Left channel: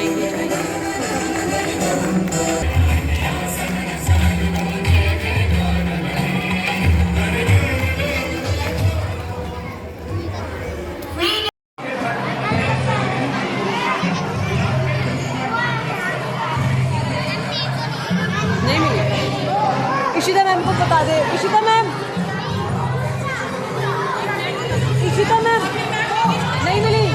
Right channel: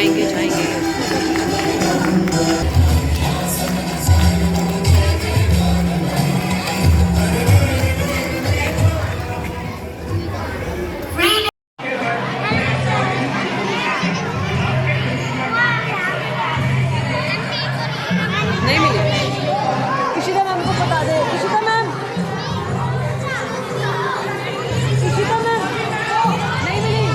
जाएंगे जाएंगे। नहीं मिली। इशिता मैम को बता दे। इशिता मैम, इशिता मैम नहीं मिली।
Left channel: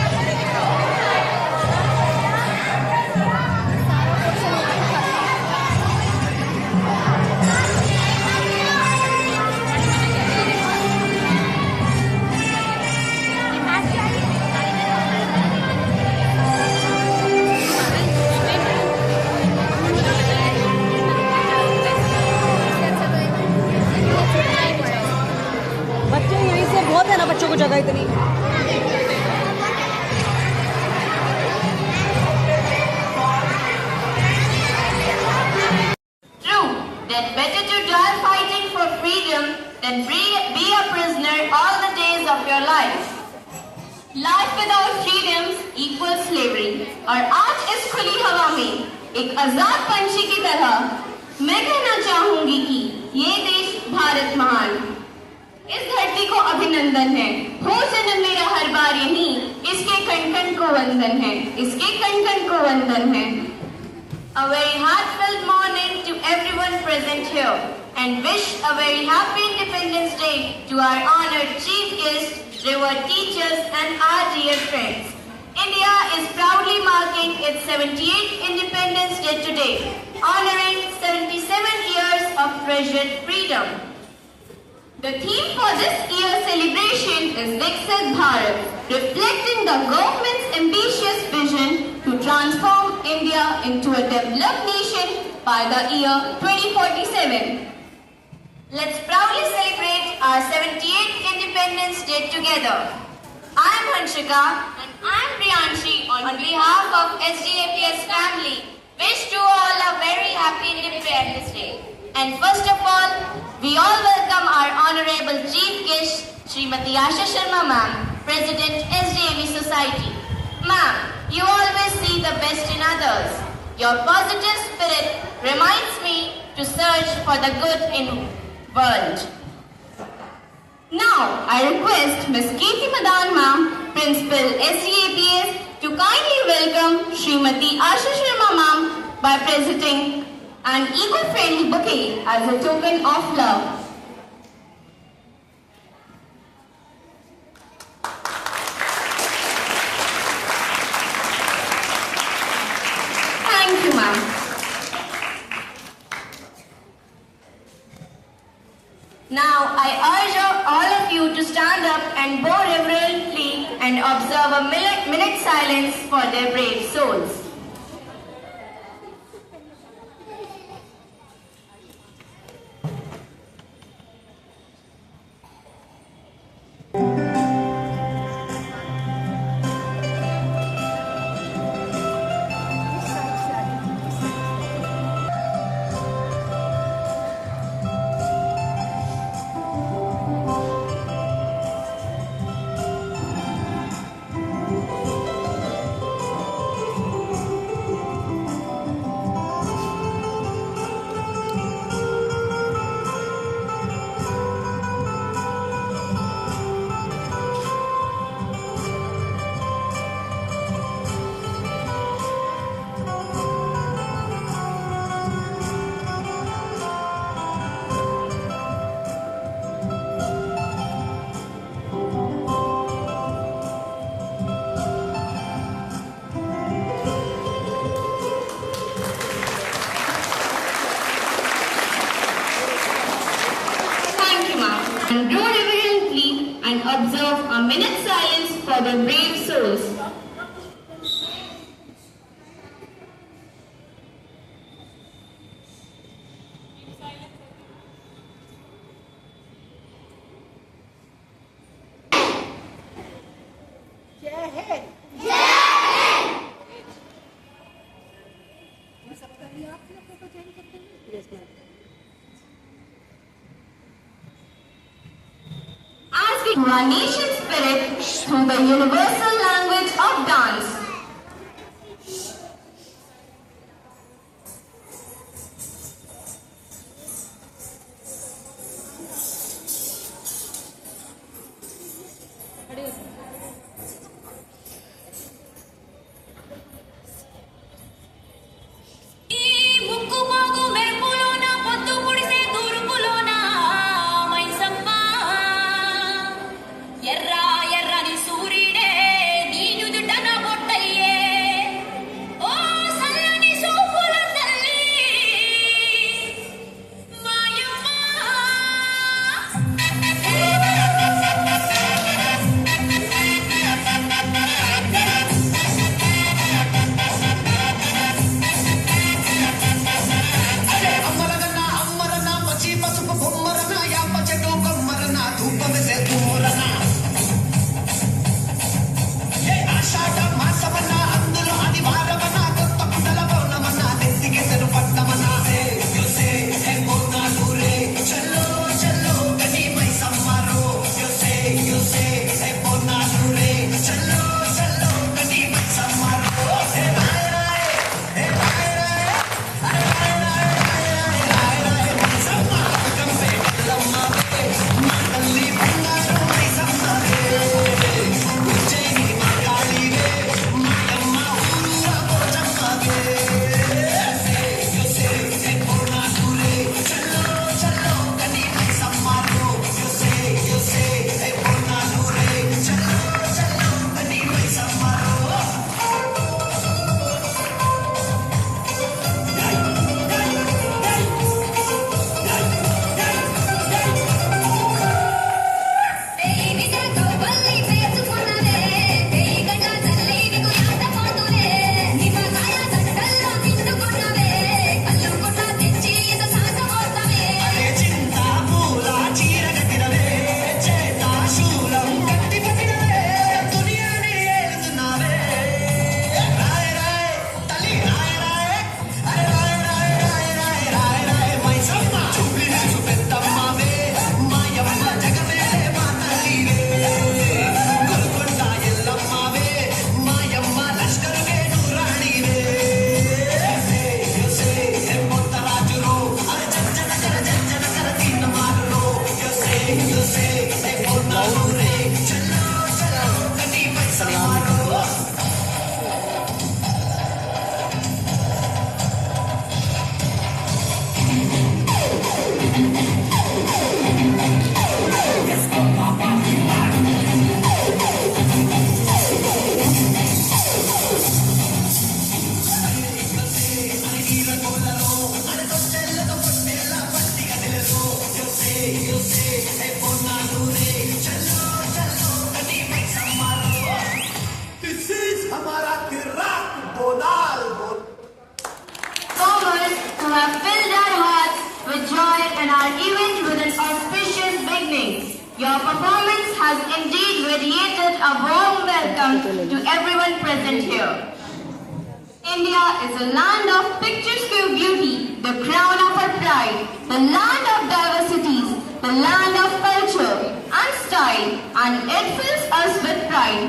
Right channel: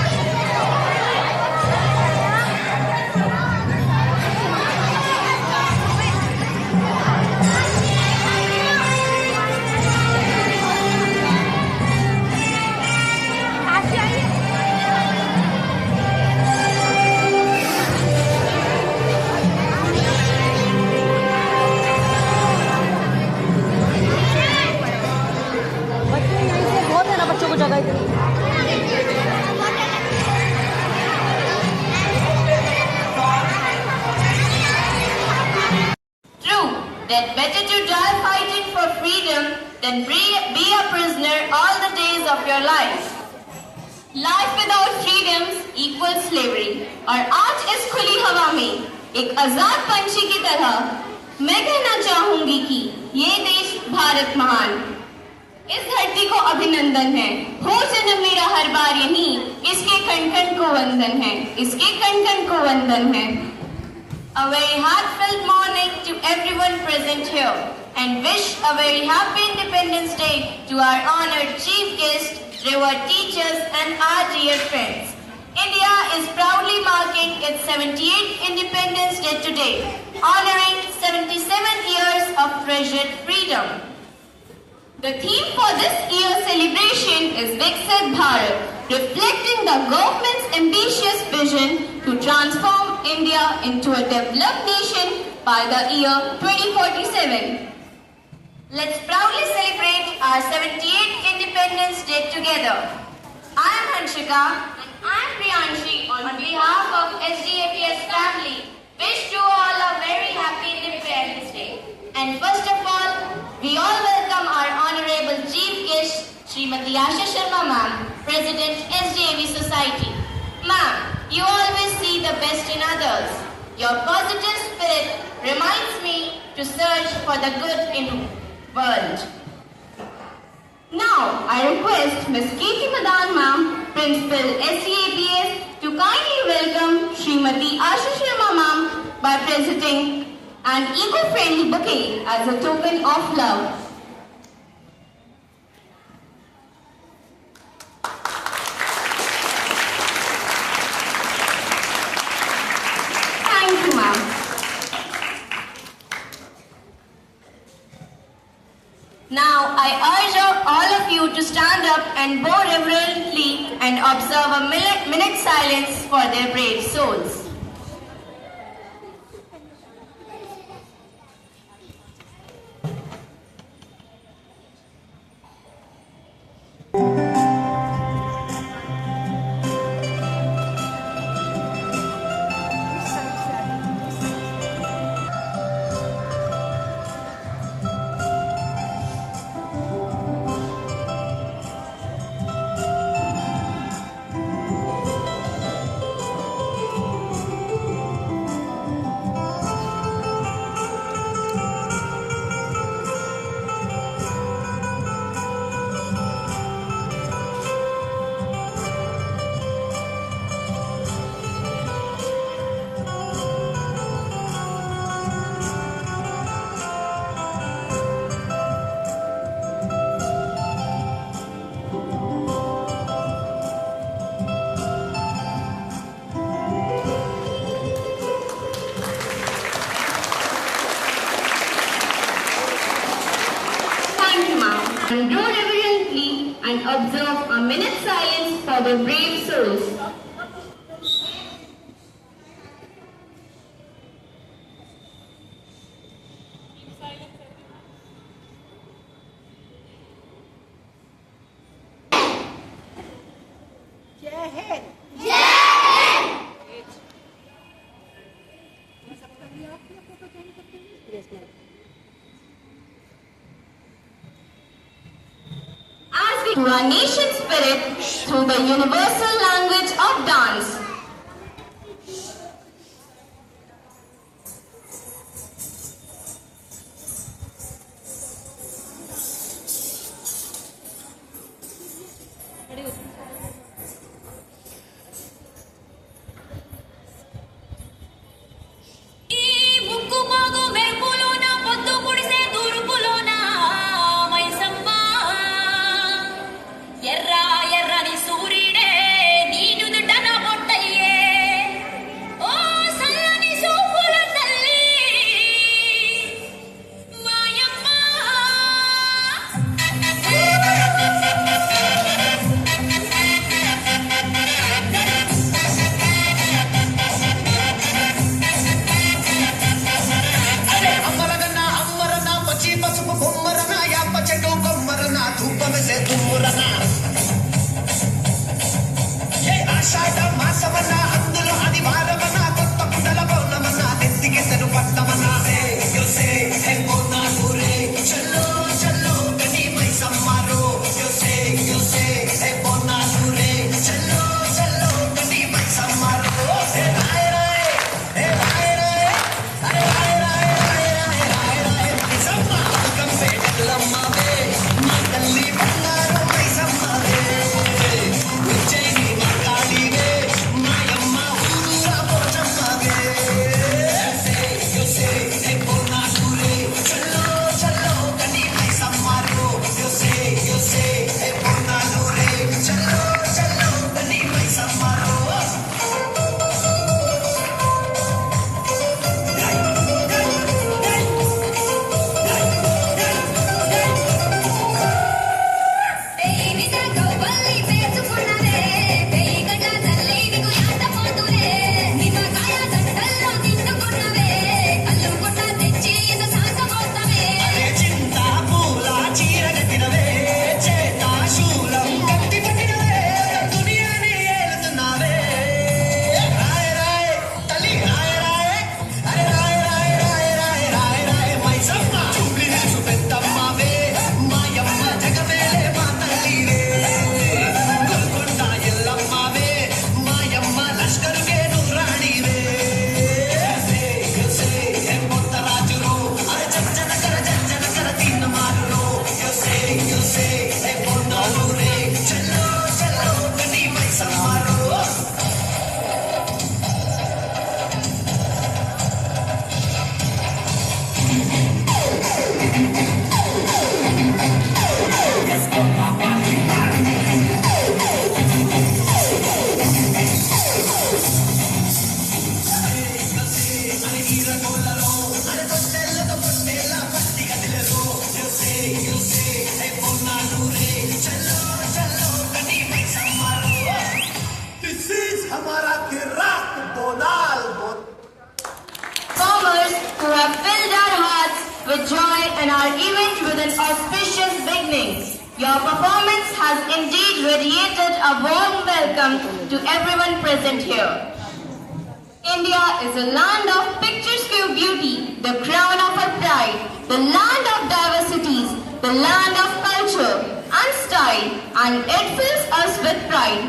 बच्चे यहीं से बहुत है ना, बच्चों को जगह इतनी। True, that better to die fighting for freedom than be a prisoner all the days of your life. Life without freedoms equals slavery. और आज इस खुली हवा में एक आजाद पंछी की तरह मैं कहना चाहूंगी कि ये देश भारत महान। इस धरती को अभिनंदन है, हो जन्म मेरा हर बार यही, इसके खन खन को वंदन है, इसके खन खन को वंदन है। A very heartfelt morning to everyone present here, and wish a very happy Independence Day to our honored chief guests, revered teachers, and our dear friends. India is proudly marking its 78th Independence Day today, honoring 77 years of treasured freedom. The theme for this year's celebration is Viksit Bharat, reflecting the government's ambitious vision to transform India into a developed nation by the year 2047. Let's proudly celebrate our 78th Independence Day together. I am Hanshika and I am Priyanshi on behalf of SDAPS family. Wish to all a very happy Independence Day. And first of all, we all welcome our honorable chief guest, Srimati Asha Sharma ma'am, President SDAV Society. Ma'am, you always see the best in others. Your positive spirit reminds me to search for the good in world. Now, I request Ms. Kirti Madan ma'am, Principal SDAPS, to kindly welcome Srimati Asha Sharma ma'am by presenting an eco-friendly bouquet as a token of love. Thank you, ma'am. Now, I urge all of you to stand up and bow reverently and observe a minute silence for their brave souls. And do reverently and observe a minute silence for the brave souls. जय Hind. To our nation's spirit through the universal language of dance. welcome to everyone present here. India is a land of picturesque beauty, the crown of our pride, the land of diversities, the land of culture and style, and it fills us with pride.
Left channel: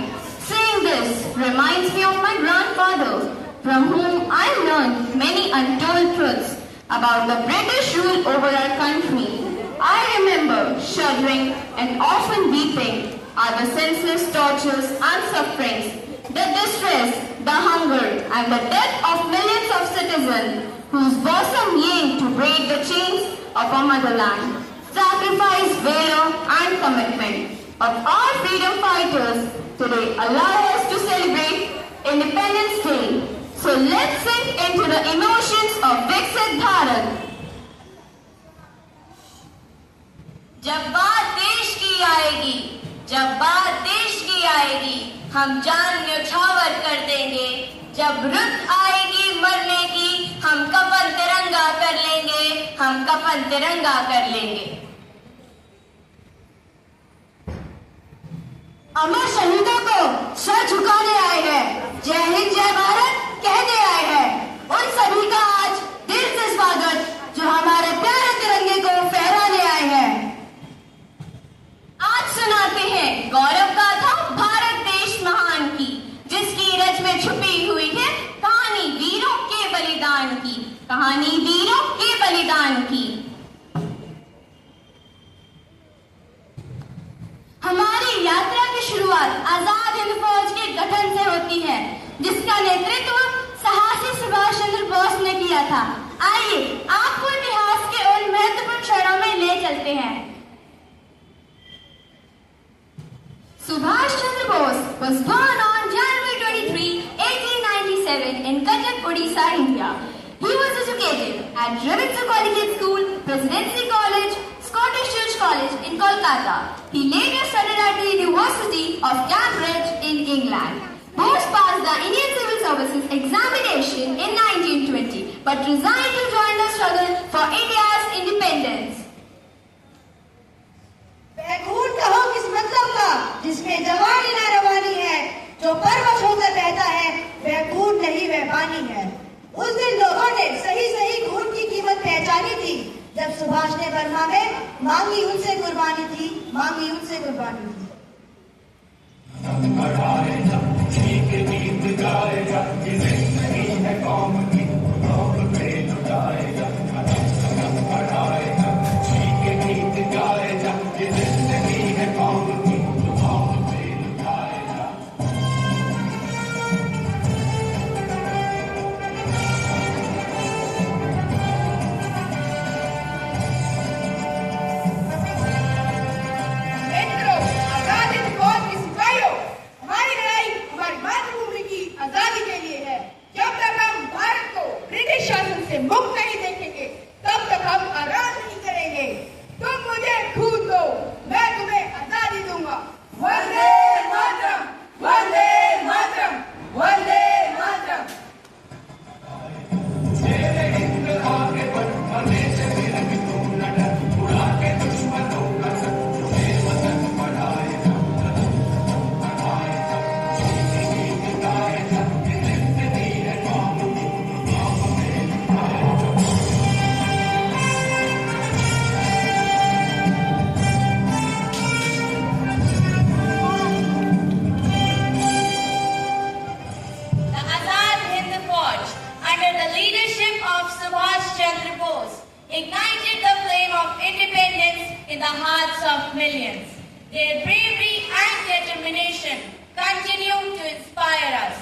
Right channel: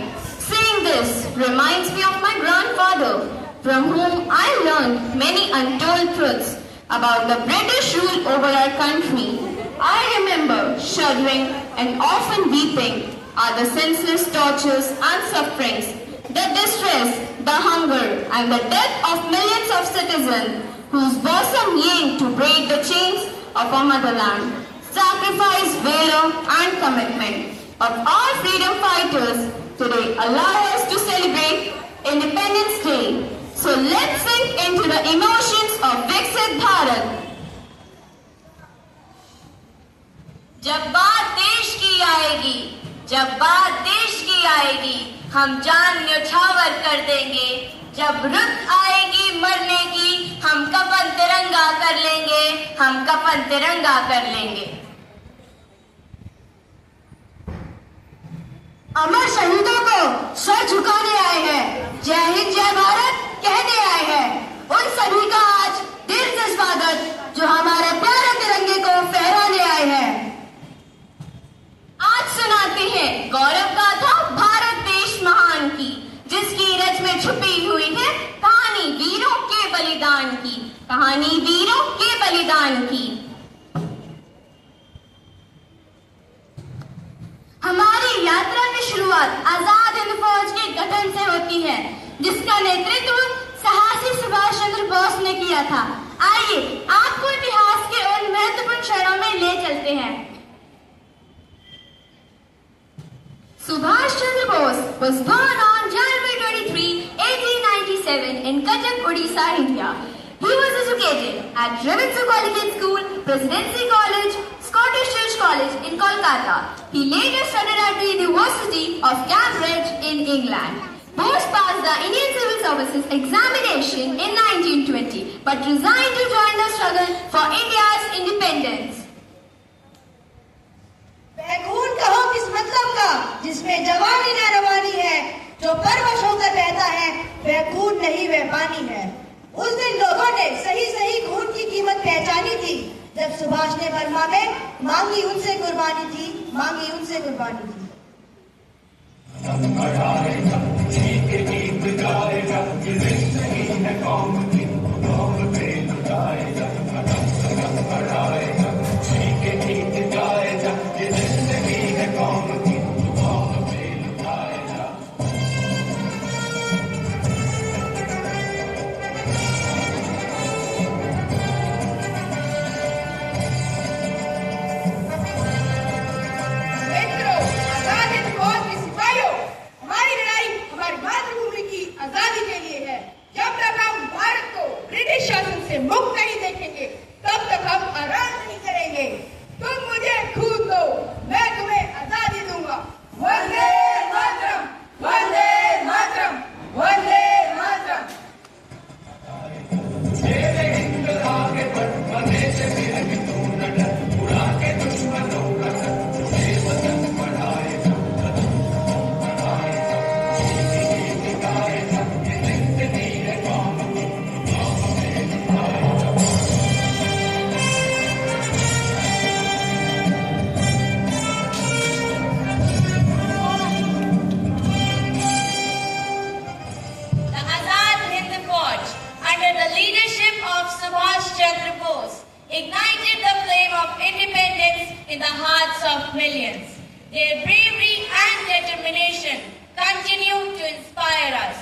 Saying this reminds me of my grandfather, from whom I learned many untold truths about the British rule over our country. I remember shuddering and often weeping at the senseless tortures and sufferings, the distress, the hunger, and the death of millions of citizens whose bosom yearned to break the chains of our motherland. Sacrifice, valor, and commitment of our freedom fighters today allow us to celebrate Independence Day. So let's sink into the emotions of Viksit Bharat. जब बात देश की आएगी, जब बात देश की आएगी, हम जान न्यौछावर कर देंगे। जब रुत आएगी मरने की, हम कफन तिरंगा कर लेंगे, हम कफन तिरंगा कर लेंगे। अमर शहीदों को सर झुकाने आए हैं, जय हिंद जय भारत कहने आए हैं। उन सभी का आज दिल से स्वागत जो हमारे प्यारे तिरंगे को फहराने आए हैं। आज सुनाते हैं गौरव गाथा भारत देश महान की, जिसकी रज में छुपी हुई है कहानी वीरों के बलिदान की, कहानी वीरों के बलिदान की। हमारी यात्रा की शुरुआत आजाद हिंद फौज के गठन से होती है, जिसका नेतृत्व साहसी सुभाष चंद्र बोस ने किया था। आइए आपको इतिहास के उन महत्वपूर्ण क्षणों में ले चलते हैं। Subhash Chandra Bose was born on January 23, 1897 in Cuttack, Odisha, India. He was educated at Ravindra Collegiate School, Presidency College, Scottish Church College in Kolkata. He later studied at the University of Cambridge in England. Bose passed the Indian Civil Services examination in 1920, but resigned to join the struggle for India's independence. खून कहो किस मतलब का जिसमें जवानी ना रवानी है, जो परवश होकर बहता है वह खून नहीं वह पानी है। उस दिन लोगों ने सही सही खून की कीमत पहचानी थी जब सुभाष ने बर्मा में मांगी उनसे कुर्बानी थी, मांगी उनसे कुर्बानी थी। ignited the flame of independence in the hearts of millions. Their bravery and determination continue to inspire us.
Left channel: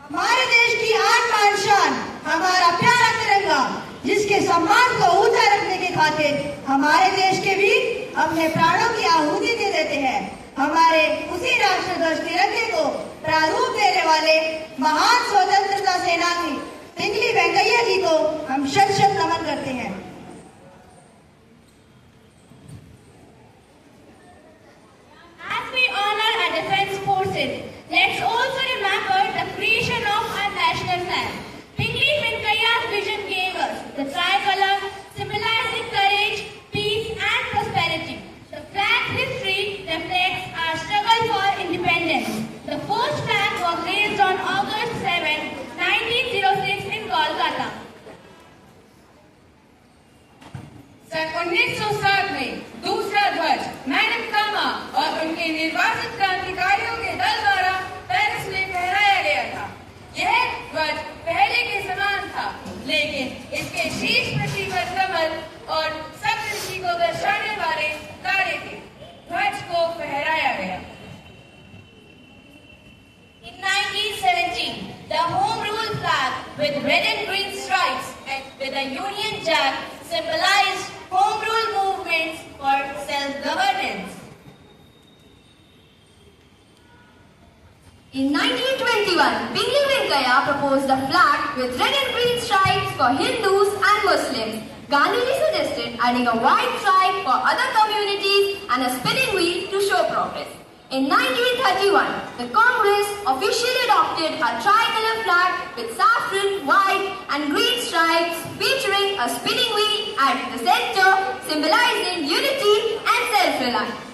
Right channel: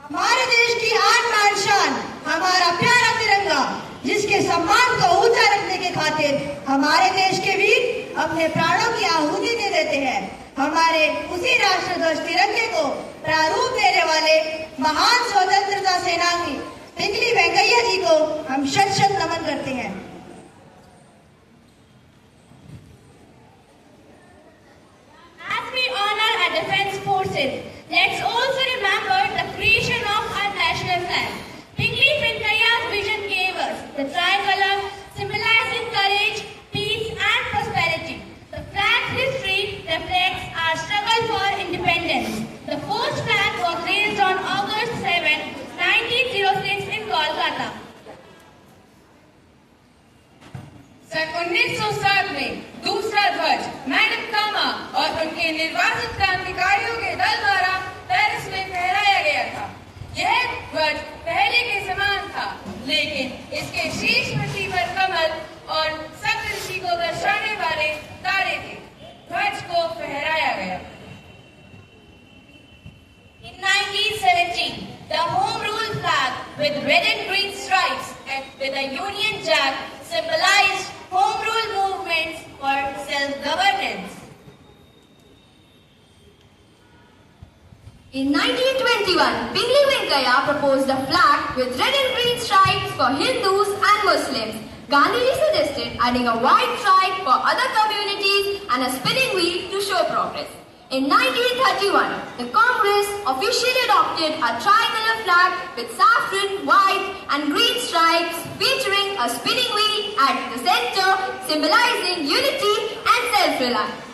हमारे देश की आन बान शान हमारा प्यारा तिरंगा, जिसके सम्मान को ऊंचा रखने के खातिर हमारे देश के वीर अपने प्राणों की आहुति दे देते हैं। हमारे उसी राष्ट्रध्वज तिरंगे को प्रारूप देने वाले महान स्वतंत्रता सेनानी पिंगली वेंकैया जी को हम शत शत नमन करते हैं। As we honor our defense forces, let's also remember the creation of our national flag. Pingali Venkaiah सन 1960 में दूसरा ध्वज मैडम कामा और उनके निर्वाचित क्रांतिकारियों के दल द्वारा पेरिस में फहराया गया था। यह ध्वज पहले के समान था, लेकिन इसके शीर्ष पट्टी पर कमल और सप्तऋषि को दर्शाने वाले तारे थे। ध्वज को फहराया गया। In 1917, the Home Rule flag with red and green stripes and with a Union Jack symbolized Home Rule movements for self-governance. In 1921, Pingle Venkaya proposed a flag with red and green stripes for Hindus and Muslims. Gandhiji suggested adding a white stripe for other communities and a spinning wheel to show progress. In 1931, the Congress officially adopted a tricolor flag with saffron, white and green stripes featuring a spinning wheel at the center, symbolizing unity and self-reliance.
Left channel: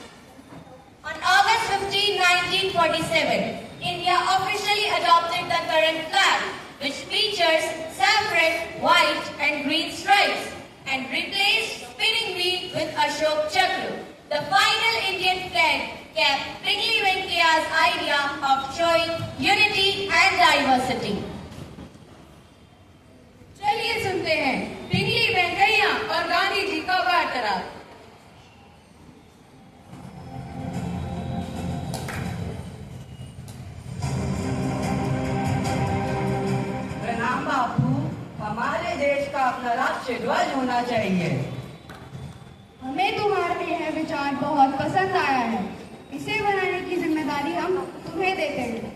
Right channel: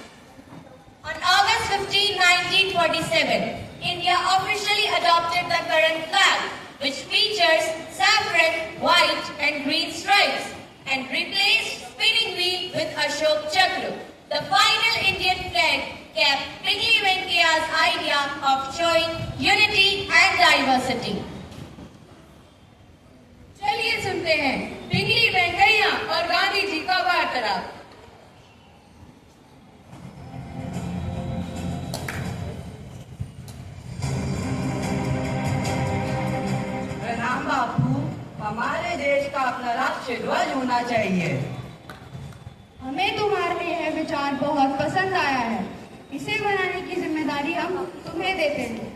On August 15, 1947, India officially adopted the current flag, which features saffron, white and green stripes, and replaced spinning wheel with Ashok Chakra. The final Indian flag kept Pingle Venkaya's idea of showing unity and diversity. चलिए सुनते हैं पिंगली वेंकैया और गांधी जी का वार्तालाप। प्रणाम बापू, हमारे देश का अपना राष्ट्रीय ध्वज होना चाहिए। हमें तुम्हारे यह विचार बहुत पसंद आया है। इसे बनाने की जिम्मेदारी हम तुम्हें देते हैं।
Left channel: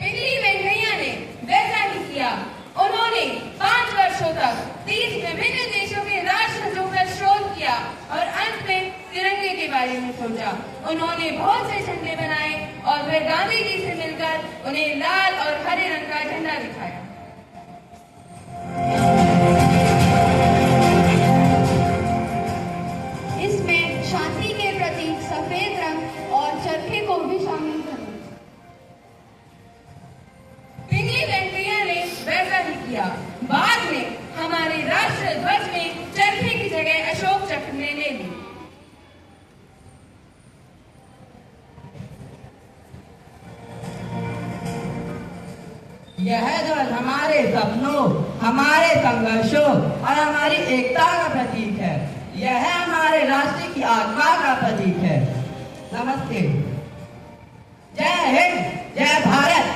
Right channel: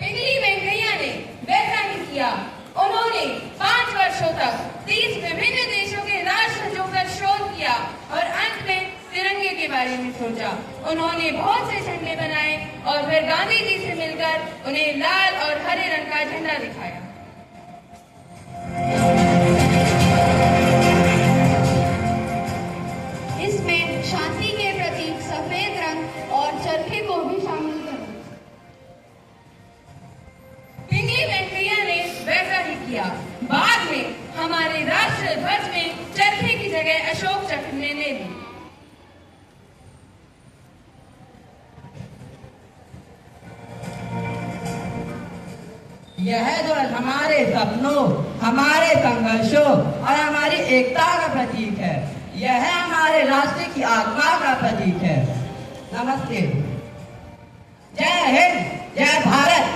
पिंगली वेंकैया ने वैसा ही किया। उन्होंने 5 वर्षों तक 30 विभिन्न देशों के राष्ट्रध्वजों पर शोध किया और अंत में तिरंगे के बारे में सोचा। उन्होंने बहुत से झंडे बनाए और फिर गांधी जी से मिलकर उन्हें लाल और हरे रंग का झंडा दिखाया। इसमें शांति के प्रतीक सफेद रंग और चरखी को भी शामिल करें। पिंगली वेंकैया ने वैसा ही किया। बाद में हमारे राष्ट्र ध्वज में चरखे की जगह अशोक चक्र ने ले ली। यह ध्वज हमारे सपनों, हमारे संघर्षों और हमारी एकता का प्रतीक है। यह हमारे राष्ट्र की आत्मा का प्रतीक है। नमस्ते। जय हिंद, जय भारत।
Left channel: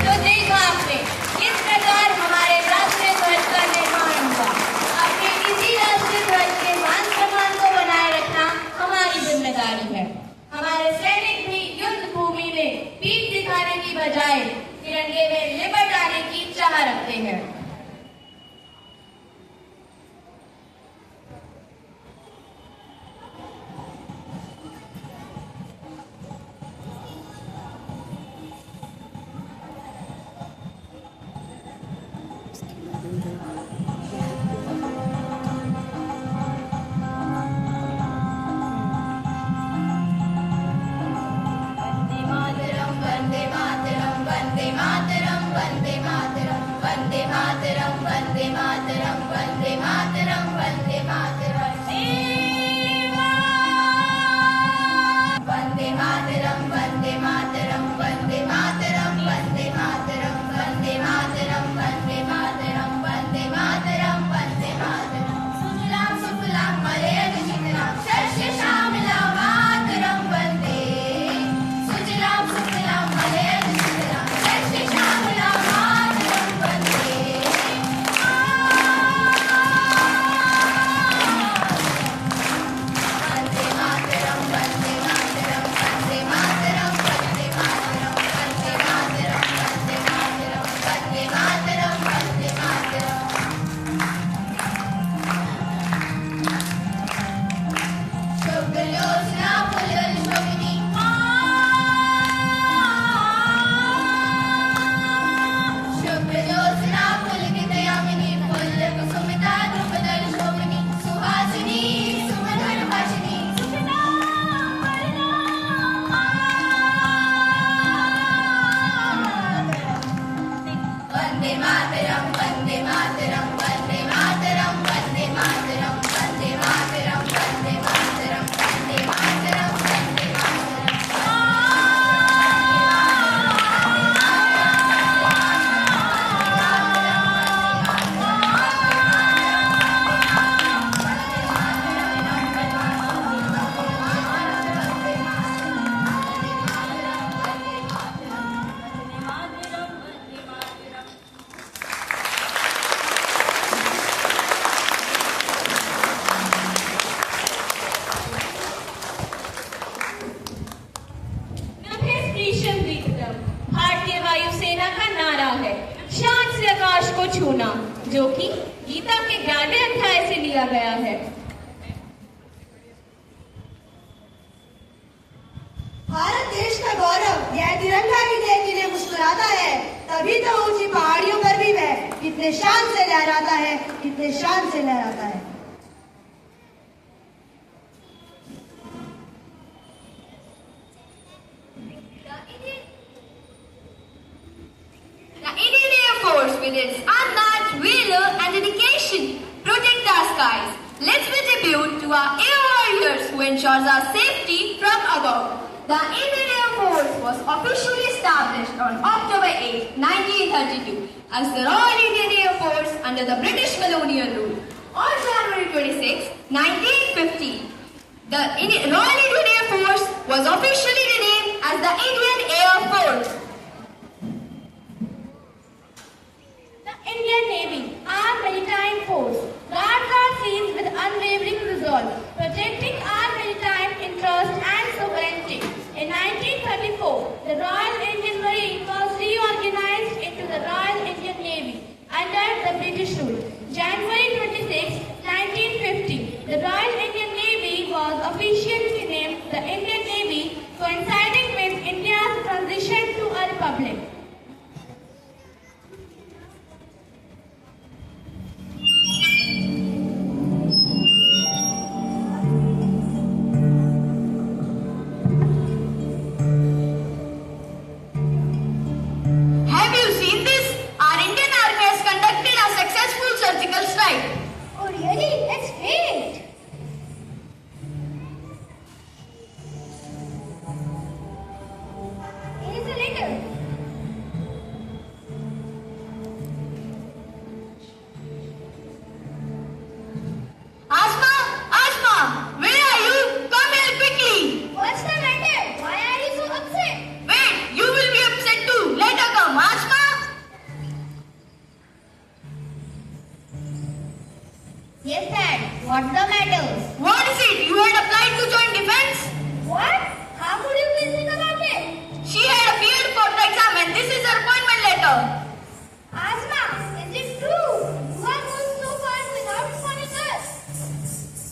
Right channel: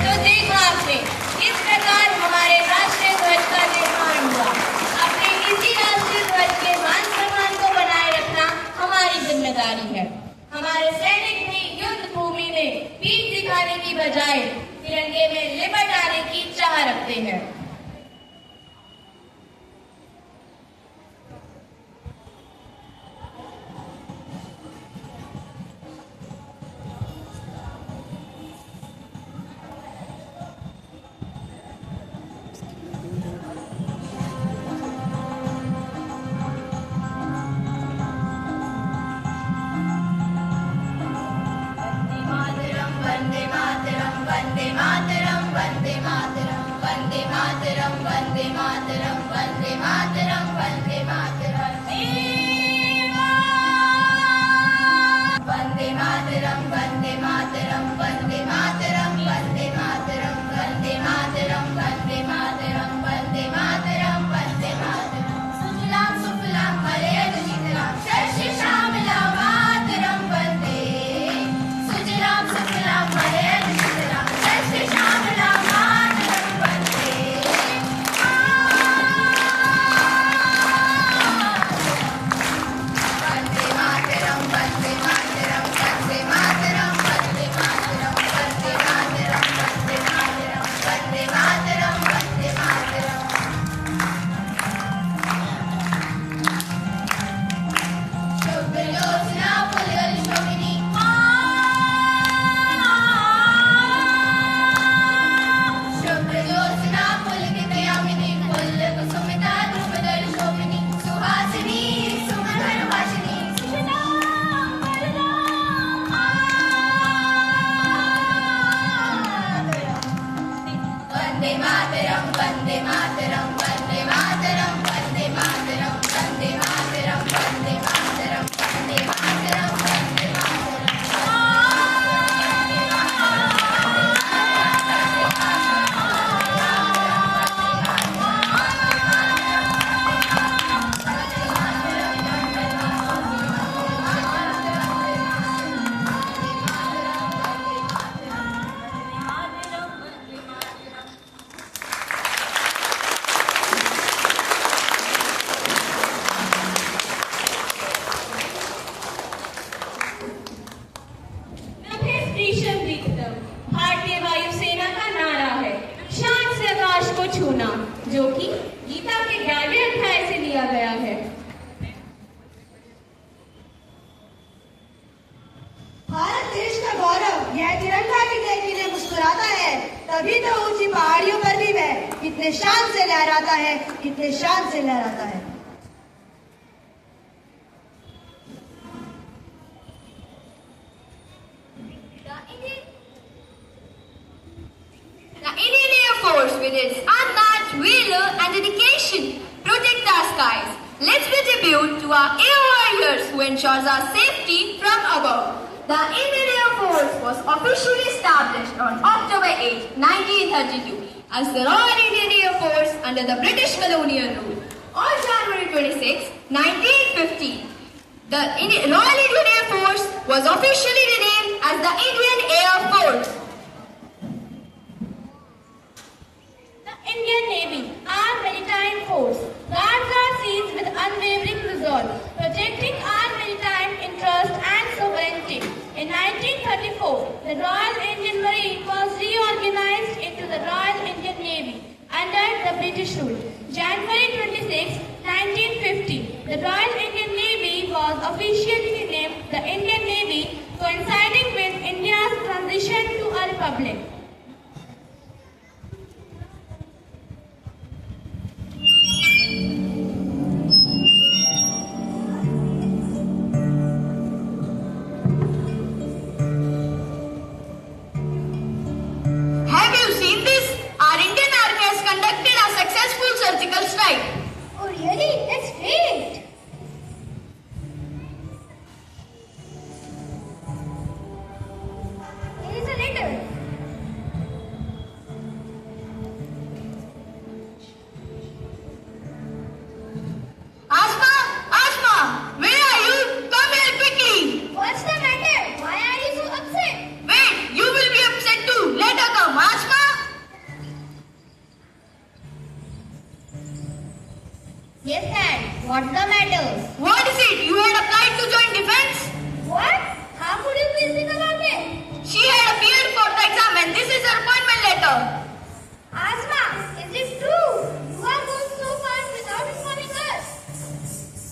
तो देखा आपने किस प्रकार हमारे राष्ट्रीय ध्वज का निर्माण हुआ। अपने इसी राष्ट्रीय ध्वज के मान सम्मान को बनाए रखना हमारी जिम्मेदारी है। हमारे सैनिक भी युद्ध भूमि में पीठ दिखाने की बजाय तिरंगे में लिपट आने की चाह रखते हैं। वंदे मातरम वंदे मातरम वंदे मातरम वंदे मातरम वंदे मातरम वंदे मातरम वंदे मातरम वंदे भारतीय वायुसेना का नारा है शान से आकाश को छूना, जो कि गीता के 11वें अध्याय से लिया गया है। भारत देश का गौरव यह तिरंगा की जय मुस्कुराता है, तभी तो ऊंची पहाड़ियों पर भी वह कितने शान से लहराता है, कितने शान से लहराता है। The Indian Air Force, with its unmatched valor and dedication, protect our skies. Let's pay tribute to our air warriors who ensures our safety from above. The Indian Air Force was officially established on October 8, 1932 as the Royal Indian Air Force under the British colonial rule. On January 26, 1950, the Royal Indian Air Force was officially renamed as the Indian Air Force. Indian Navy, our maritime force, guards our seas with unwavering resolve, protecting our maritime interest and sovereignty. In 1934, the Royal Indian Marine was reorganized into the Royal Indian Navy under the British rule. January 26, 1950, the Royal Indian Navy was officially renamed the Indian Navy, coinciding with India's transition to a republic. Surgical strike. Oh really? That's great! Here's a letter. Asma, where are you? Come here quickly. What's the matter? Why are you so upset? Wait, you will be upset too. Let her come. Asma. Yes, Dad. What's the matter? What is it? You had applied to join defense? What? How could you please think about it? She had appeared for the exam and this is her appointment letter. Asma, is it true? You are going so fast without informing us.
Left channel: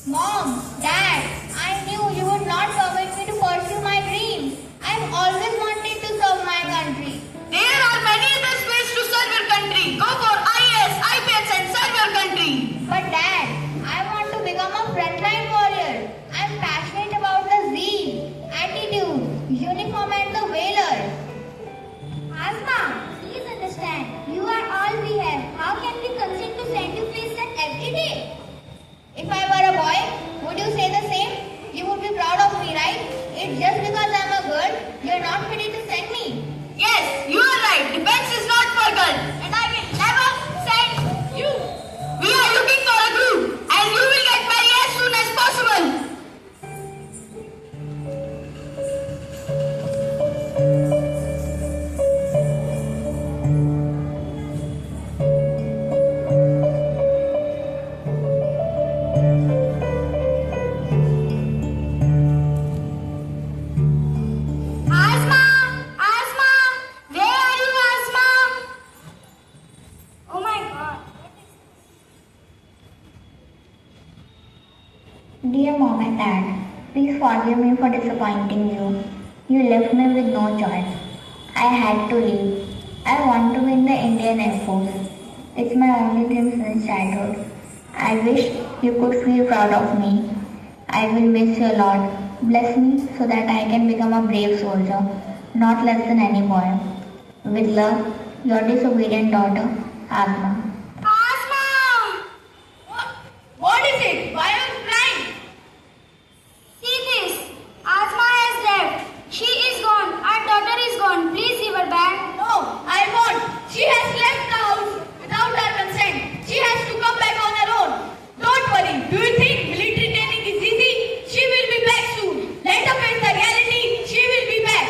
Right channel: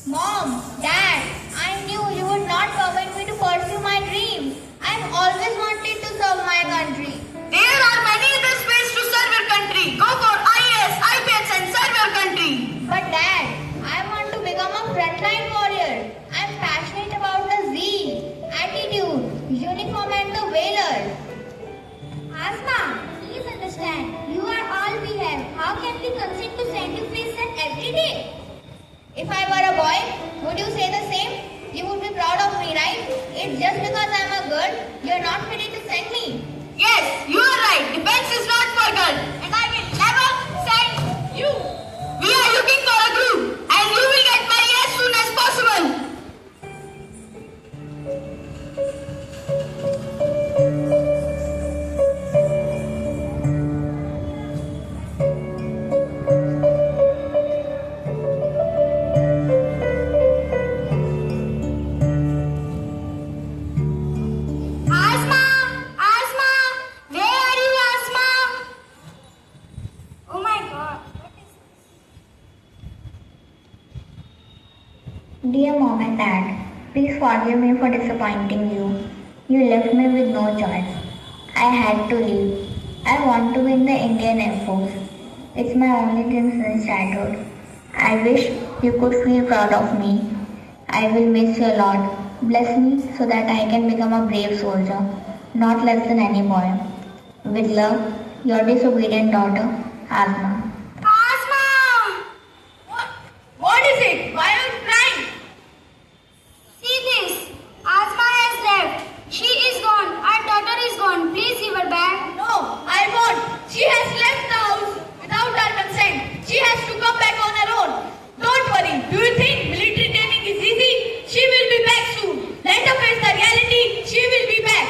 Mom, Dad, I knew you would not permit me to pursue my dreams. I've always wanted to serve my country. There are many other ways to serve your country. Go for IAS, IPS and serve your country. But Dad, I want to become a frontline warrior. I'm passionate about the zeal, attitude, uniform and the valor. Asma, please understand, you are all we have. How can we consent to send you face them every day? If I were a boy, would you say the same? You would be proud of me, right? It's just because I'm a girl, you're not ready to send me. Yes, you are right. Defense is not for girls and I will never send you. We are looking for a group and you will get married as soon as possible. Asma, where are you, Asma? Oh my God. Dear Mom and Dad, please forgive me for disappointing you. You left me with no choice. I had to leave. I want to be in the Indian Air Force. It's my only dream since childhood. I wish you could feel proud of me. I will wish you a lot. Bless me so that I can become a brave soldier, not less than any boy. With love, Your disobedient daughter, Asma. Asma! What is it? Why are you crying? See this. Asma has left. She is gone. Our daughter is gone. Please give her back. No, I won't. She has left the house without our consent. She has to come back on her own. Don't worry. Do you think military training is easy? She will be back soon. Let her face the reality. She will be back.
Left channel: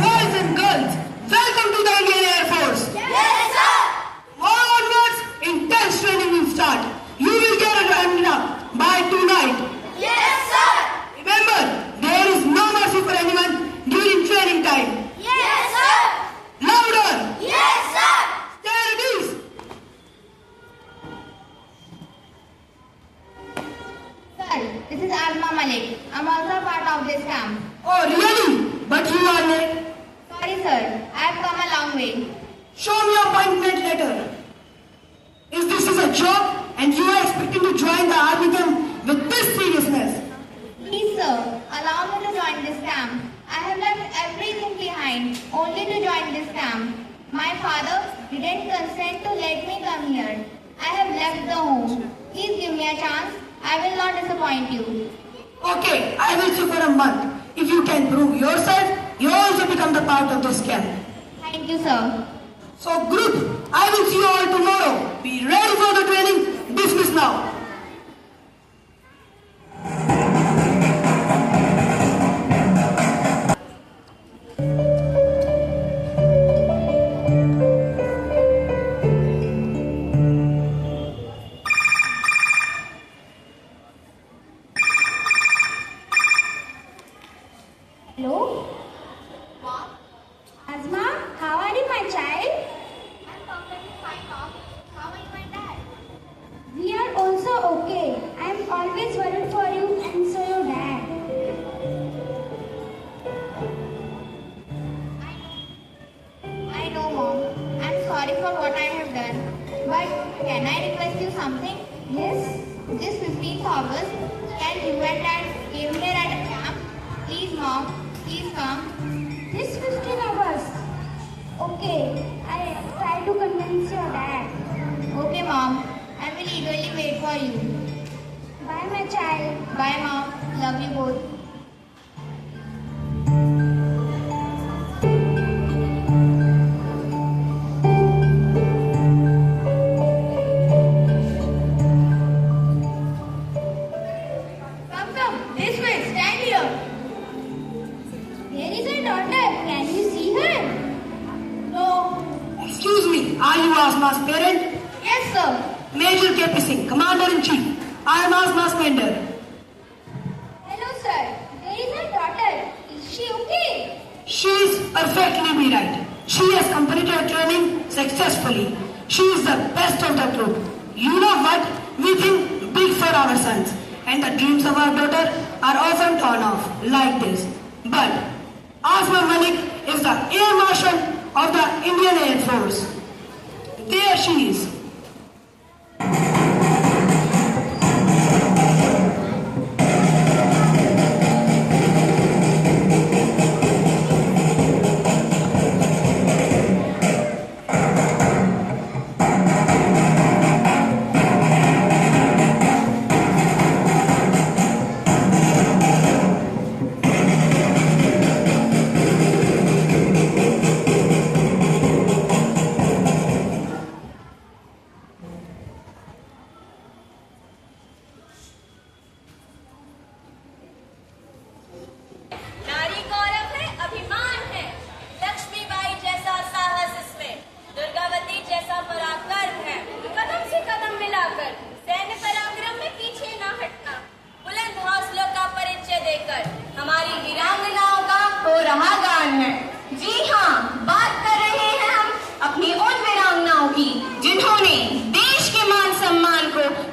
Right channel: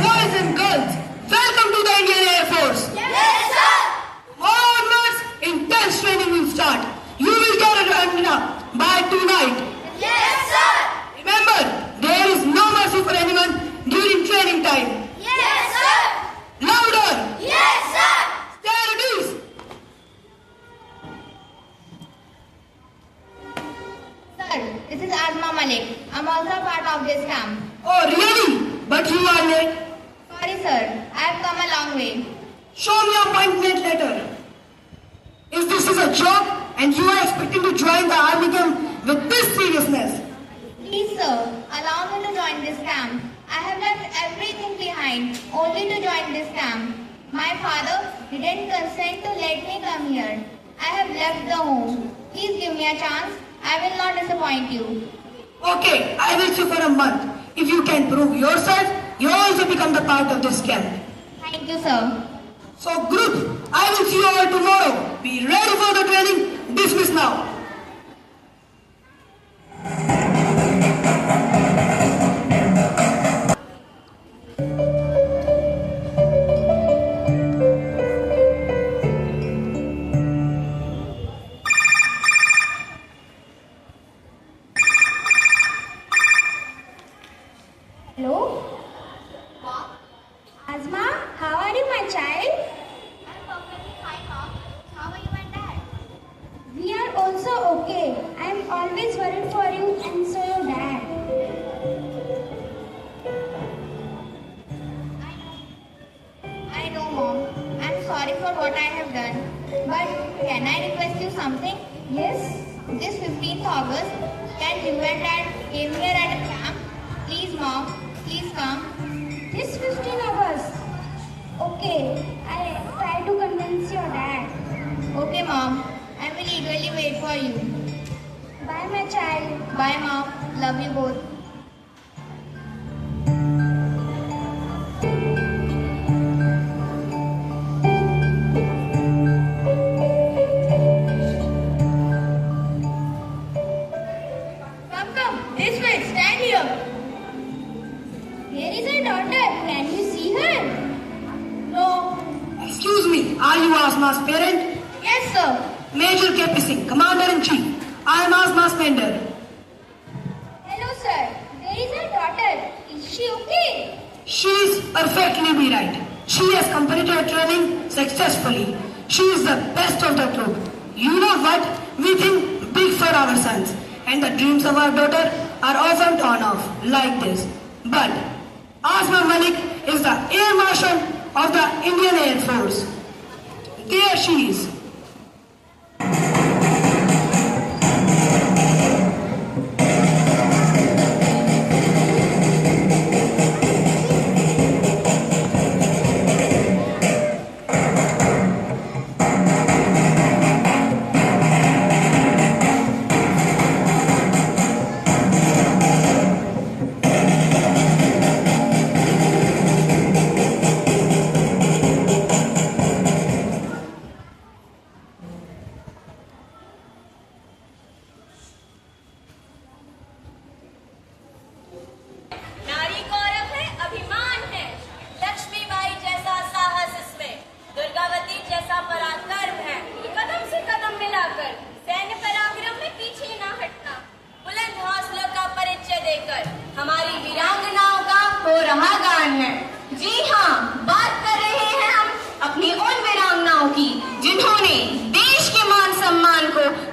Boys and girls, welcome to the Indian Air Force. Yes, sir. Tomorrow onwards, intense training will start. You will get it ramped up by tonight. Yes, sir. Remember, there is no mercy for anyone during training time. Yes, sir. Louder! Yes, sir. Stand at ease! Sir, this is Asma Malik. I'm also part of this camp. Oh, really? But you are late. Sorry, sir. I have come a long way. Show me your appointment letter. Is this a joke and you are expecting to join the army camp with this seriousness? Please, sir, allow me to join this camp. I have left everything behind only to join this camp. My father didn't consent to let me come here. I have left the home. Please give me a chance. I will not disappoint you. Okay, I will see for a month. If you can prove yourself, you also become the part of this camp. Thank you, sir. So group, I will see you all tomorrow. Be ready for the training. Dismiss now. Hello? Asma, how are you, my child? I'm perfectly fine, Mom. How are you and Dad? We are also okay. I am always worried for you and so your dad. I know, Mom. I'm sorry for what I have done. But can I request you something? Yes. This 15th August, when you and Dad came here at a camp, please, Mom, please come. This 15th August? Okay. I try to convince your dad. Okay, Mom. I will eagerly wait for you. Bye, my child. Bye, Mom. Love you both. Come. This way. Stand here. Here is her daughter. Can you see her? No. Excuse me, are you Asma's parent? Yes, sir. Major KP Singh, Commander-in-Chief. I am Asma's tender. Hello, sir. Where is her daughter? Is she okay? She is perfectly be right. She has completed her training successfully. She is the best of the group. You know what? We think big for our sons. And the dreams of our daughter are often torn off like this. But Asma Malik is the Air Marshal of the Indian Air Force. There she is.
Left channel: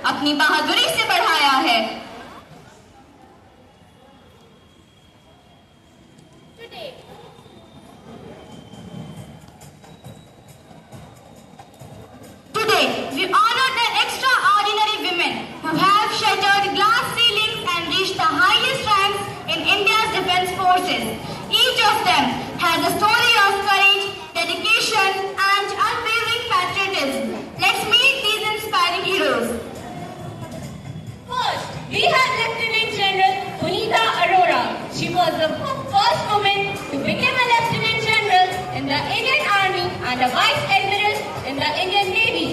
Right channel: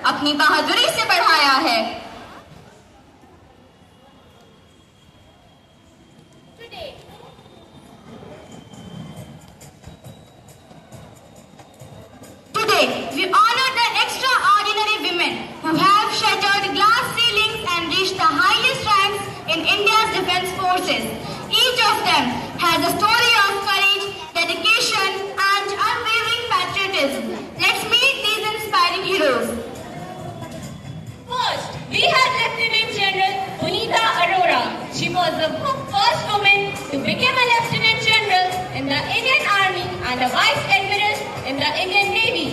अपनी बहादुरी से बढ़ाया है। Today, we honor the extraordinary women who have shattered glass ceilings and reached the highest ranks in India's defense forces. Each of them has a story of courage, dedication, and unwavering patriotism. Let's meet these inspiring heroes. First, we have Lieutenant General Punita Arora. She was the first woman to become a Lieutenant General in the Indian Army and a Vice Admiral in the Indian Navy.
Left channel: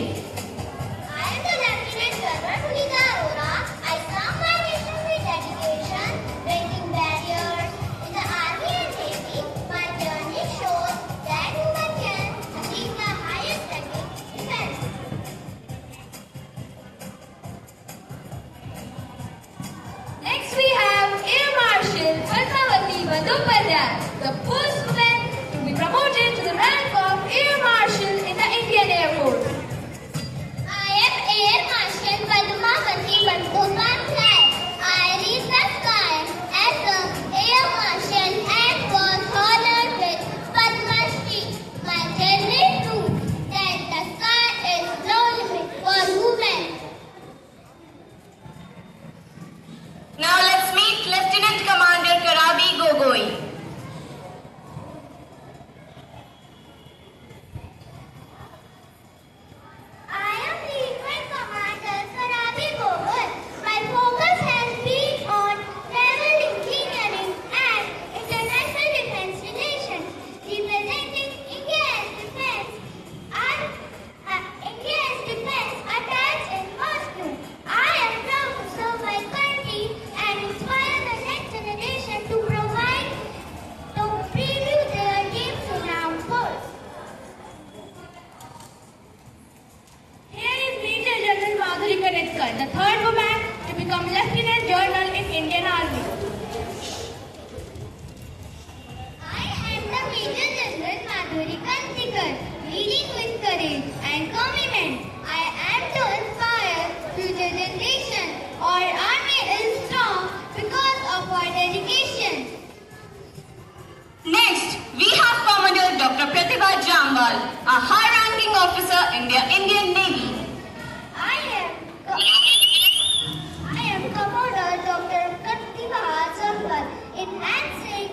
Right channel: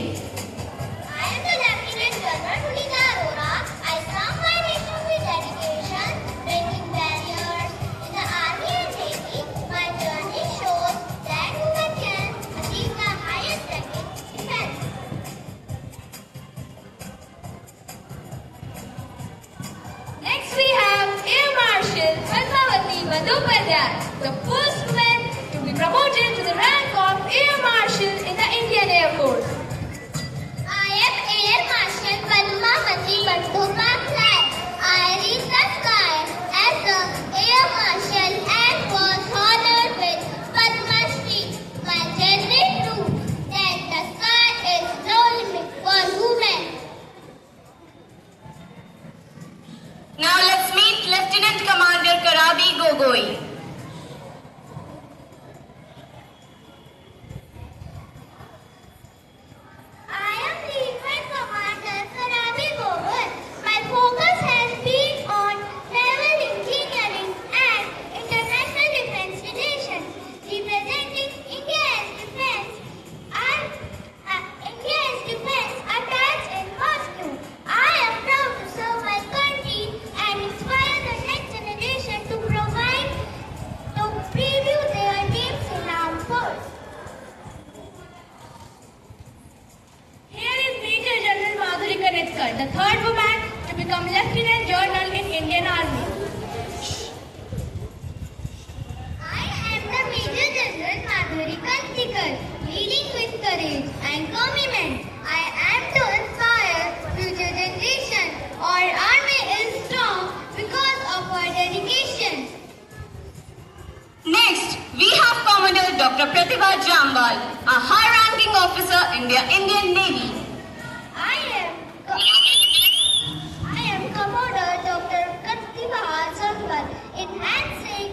I am the Lieutenant General Punita Arora. I serve my nation with dedication, breaking barriers in the Army and Navy. My journey shows that women can achieve the highest ranking in defense. Next, we have Air Marshal Padmavati Bandyopadhyay, the first woman to be promoted to the rank of Air Marshal in the Indian Air Force. I am Air Marshal Padmavati Bandyopadhyay. I reached the sky as the Air Marshal and was honored with Padma Shri. My journey proved that the sky is no limit for women. Now let's meet Lieutenant Commander Karabi Gogoi. I am Lieutenant Commander Karabi Gogoi. My focus has been on naval engineering and international defense relations, representing India's defense attached in Moscow. I am proud to serve my country and inspire the next generation to preview their dreams in armed force. Here is Major General Madhuri Kanetkar, the third woman to become Lieutenant General in Indian Army. I am the Major General Madhuri Kanetkar, leading with courage and commitment. I am to inspire future generations. Our army is strong because of our dedication. Next, we have Commodore Dr. Pratibha Jambal, a high-ranking officer in the Indian Navy. I am Commodore Dr. Pratibha Jambal, enhancing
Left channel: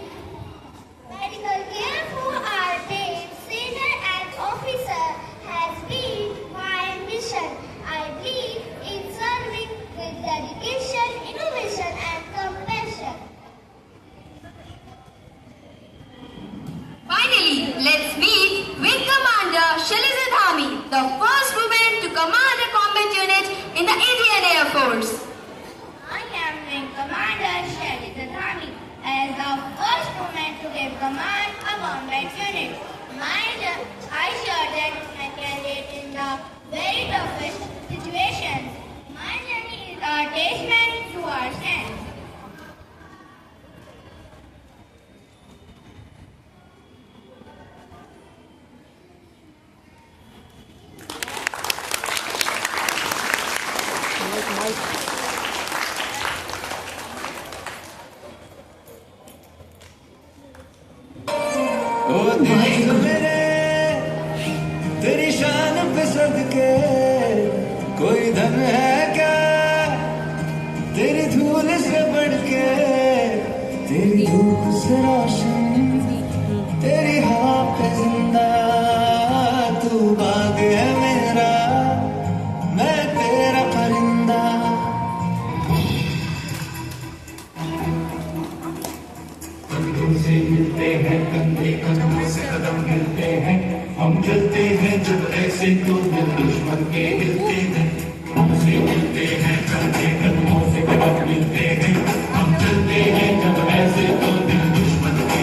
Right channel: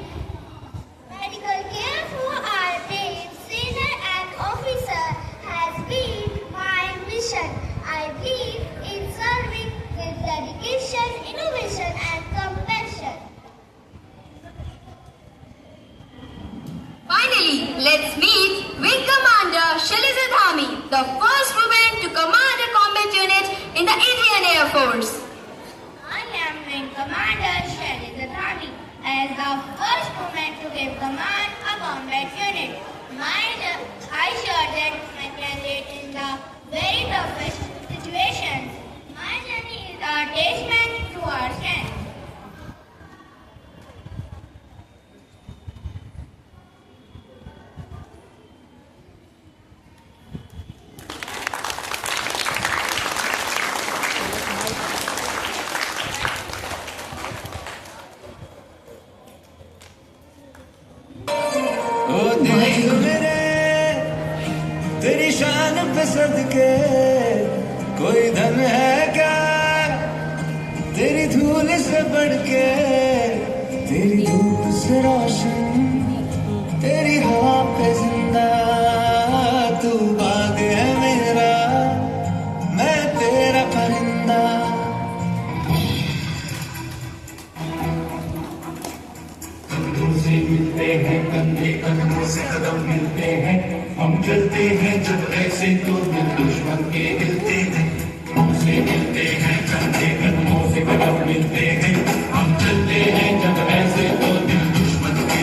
medical care for our brave sailor and officer has been my mission. I believe in serving with dedication, innovation, and compassion. Finally, let's meet with Commander Shailaja Dhami, the first woman to command a combat unit in the Indian Air Force. I am Wing Commander Shailaja Dhami. As the first woman to give command a combat unit, I showed that I operate in the very toughest situations. My journey is a testament to our strength. ओ तेरी मेरे तेरी शान पे सदके कोई धन है क्या तेरी धूल से बढ़ के तेरी धूप से रोशन तेरी हवा पे जिंदा तू बाग है मेरा मैं तेरा परिंदा से मिलते हैं कंधे कंधे से कदम मिलते हैं हम चलते हैं जब ऐसे तो दिल दुश्मन के हिलते हैं हमसे मिलते हैं कंधे कंधों से कदम मिलते हैं हम चलते हैं जब ऐसे तो दिल दुश्मन के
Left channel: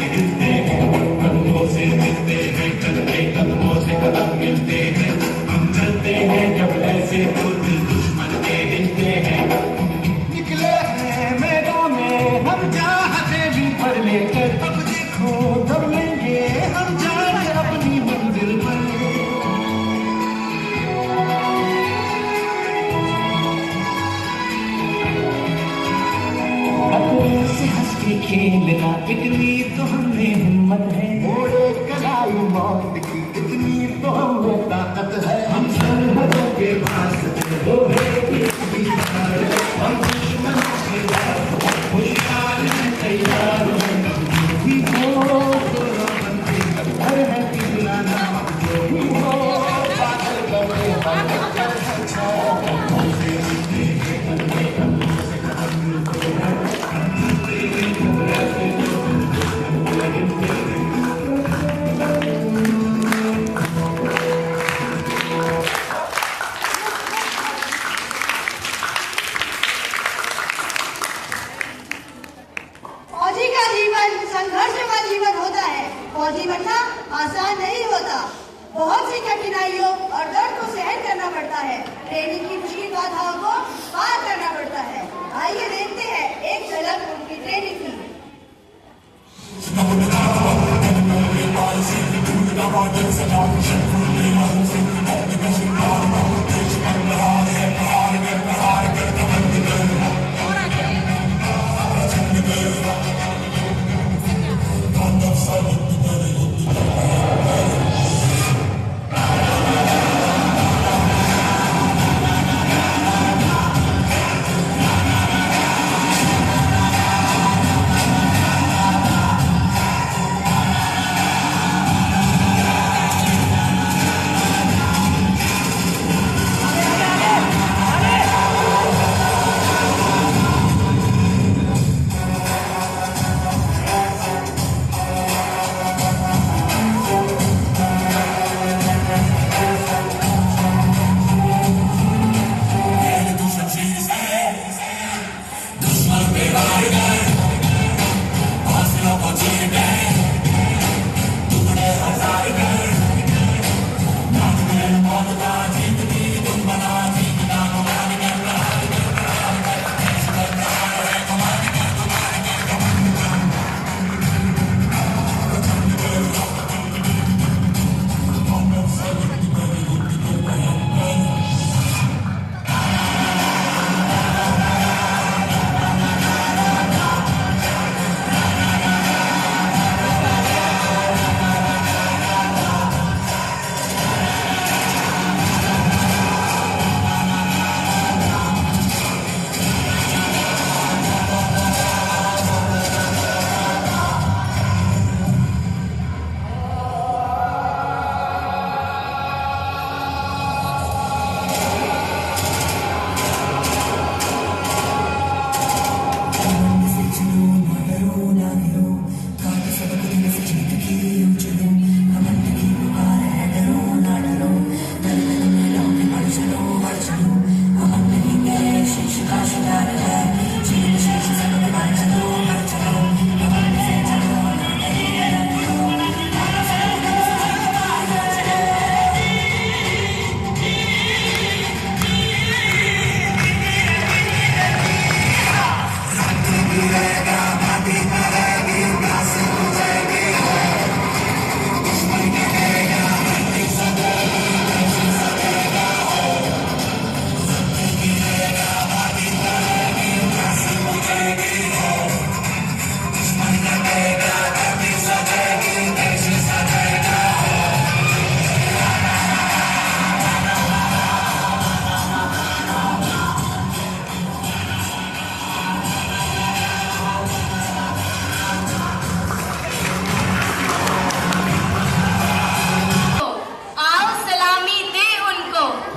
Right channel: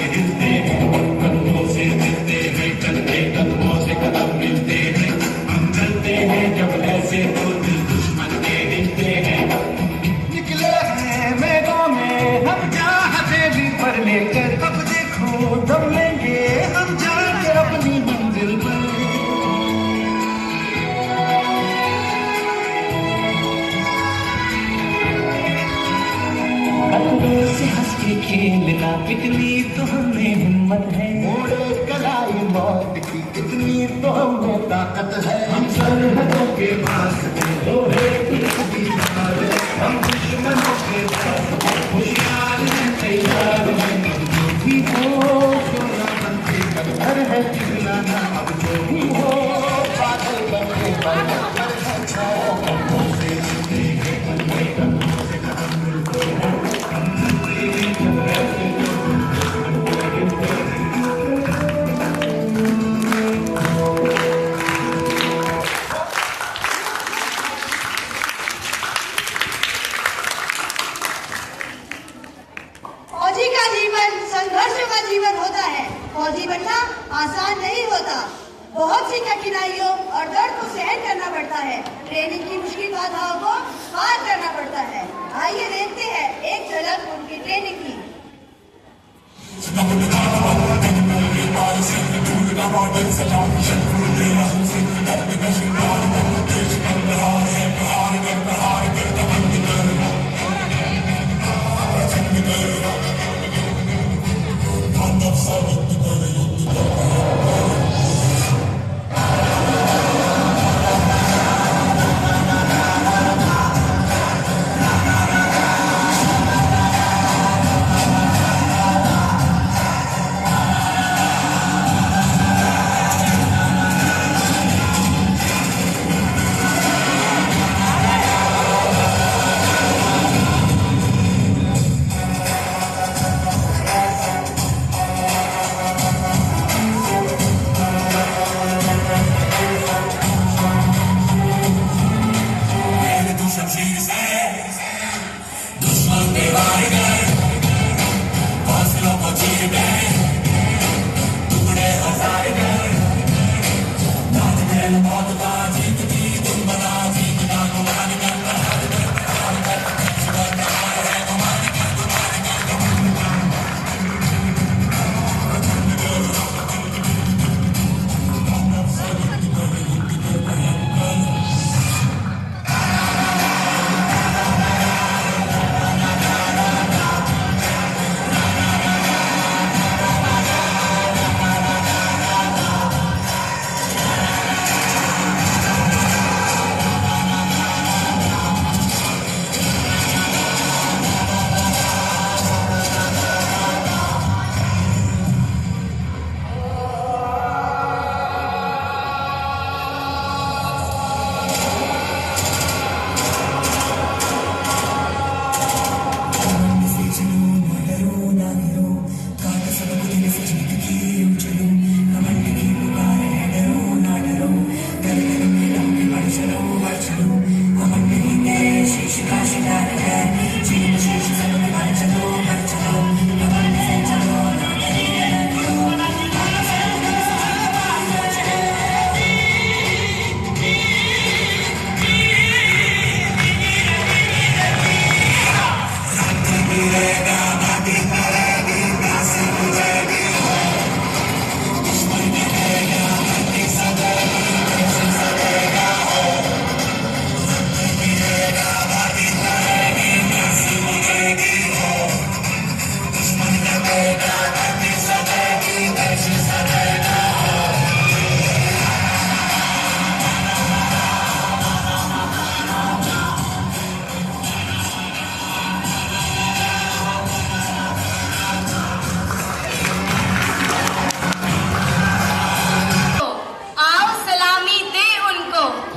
खेलना, इतनी तो हमें हिम्मत है। मोड़े कलाई मौत की, इतनी तो हमें ताकत है। हम सरहदों के पास लोहे की दीवार है। हम दुश्मनों के पास होशियार तैयार हैं। भी हो घर है पिघलाना, जो भी हो पागल बने पर फौजी का जीवन संघर्ष का जीवन होता है। फौजी बनना आसान नहीं होता, बहुत सी कठिनाइयों और डर को सहन करना पड़ता है। ट्रेनिंग की मुश्किल बाधाओं को पार करना पड़ता है। आइए देखते हैं एक झलक उनकी ट्रेनिंग की।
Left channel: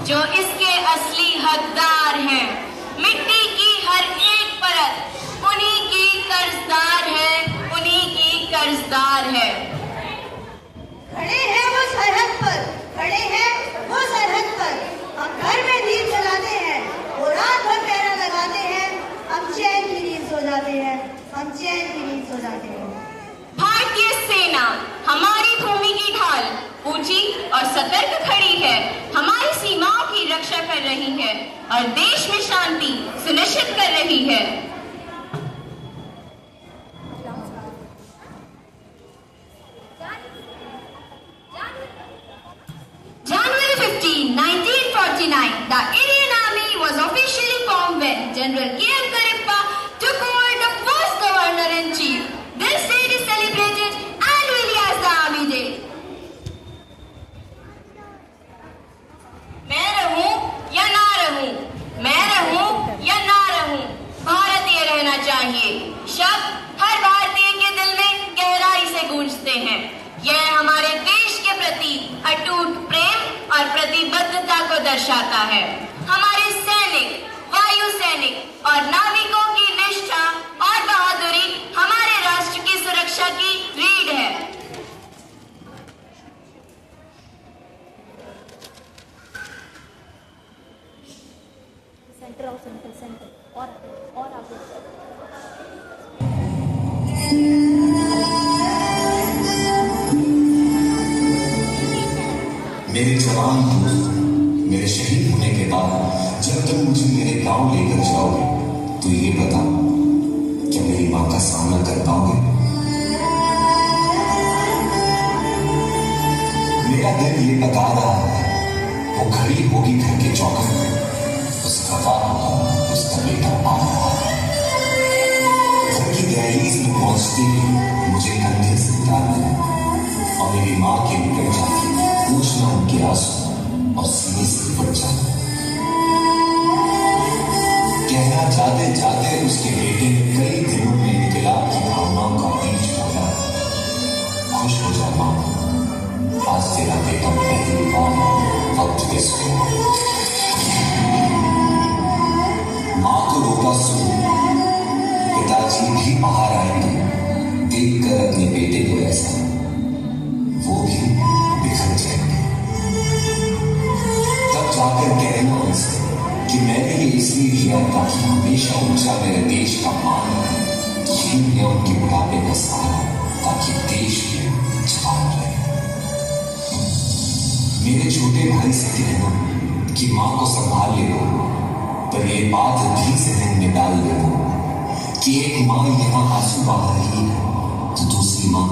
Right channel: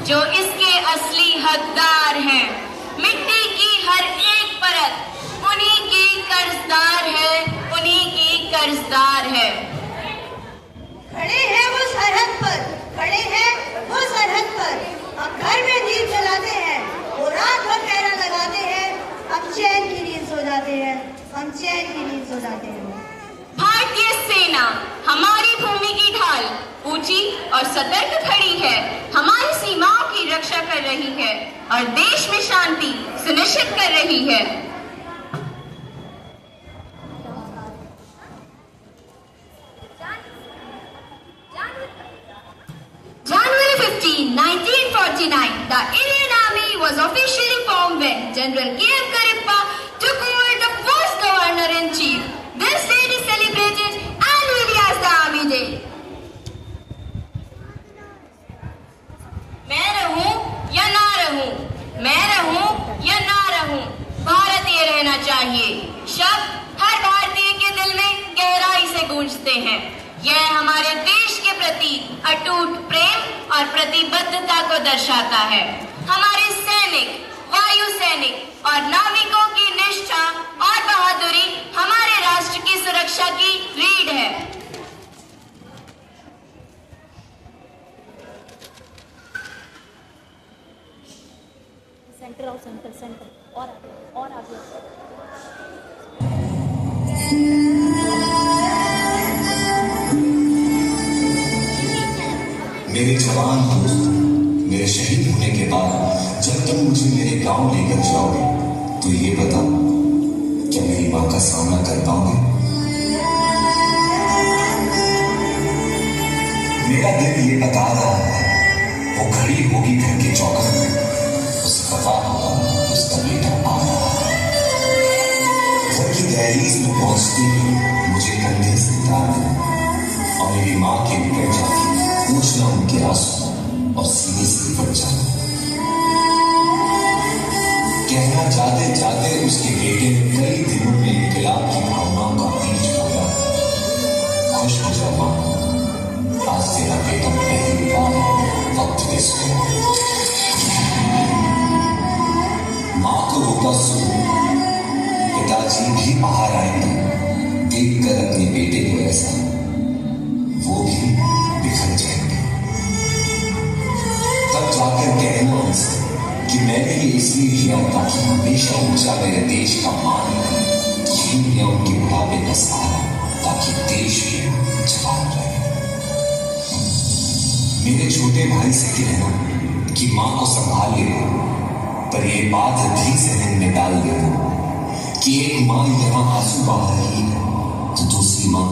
जो इसके असली हकदार हैं। मिट्टी की हर एक परत उन्हीं की कर्जदार है, उन्हीं की कर्जदार है। खड़े हैं वो सरहद पर, खड़े हैं वो सरहद पर। हम घर में दीप जलाते हैं, वो रात भर पहरा लगाते हैं। हम चैन की नींद सो जाते हैं, हम चैन की नींद सो जाते हैं। भारतीय सेना हमारी भूमि की ढाल ऊंची और सतर्क खड़ी है, हमारी सीमाओं की रक्षा कर रही है और देश में शांति सुनिश्चित कर रही है। January 15, 1949, the Indian Army was officially formed when General K.M. Karippa took over the first Governor-in-Chief या ना रहूं, भारतीय रहना चाहिए शब्द हर भारतीय के दिल में गहराई से गूंजते हैं। यह हमारे देश के प्रति अटूट प्रेम और प्रतिबद्धता को दर्शाता है। हमारे सैनिक, वायु सैनिक और नाविकों की निष्ठा और बहादुरी हमारे राष्ट्र की सुरक्षा की रीढ़ है। मेरे जवान दोस्त, मेरे शहीद होने के बाद जब तुम मुझे मेरे गांव लेकर जाओगे तो ये बता, क्या मेरी मां का सामना कर पाओगे? मेरा दिल ये बता रहा है, वो खड़ी होगी घर के चौखट में, उसका पता होगा उसका बेटा आ रहा है। घर की दहलीज में पहुंचते ही मुझे कंधे से उतार दिया और मेरी माँ के ऊपर जाके पूछना उनके आंसू और सीने से लिपट जाना। कहना जाते जाते उसके बेटे ने कई दिनों में इंकलाब की भावनाओं का बीज बोया। खुश हो जा मां, आज तेरा बेटा पहली बार वक्त दे सोया। मां को रोता सो पिताजी भी बाहर आएंगे, देखकर अपने बेटे को ऐसा वो भी बिखर जाएंगे। तब जाकर कहना उनसे कि मैंने ये इसलिए किया ताकि हमेशा ऊंचा मेरे देश का मान रहे, यही लिया उनके बुढ़ापे का सहारा ताकि देश भी जवान रहे। मेरे छोटे भाई से कहना कि मां को संभाल ले, पर ये बात भी जहन में डाल ले कि एक मां यहाँ आंसू बहा रही है तो दूसरी मां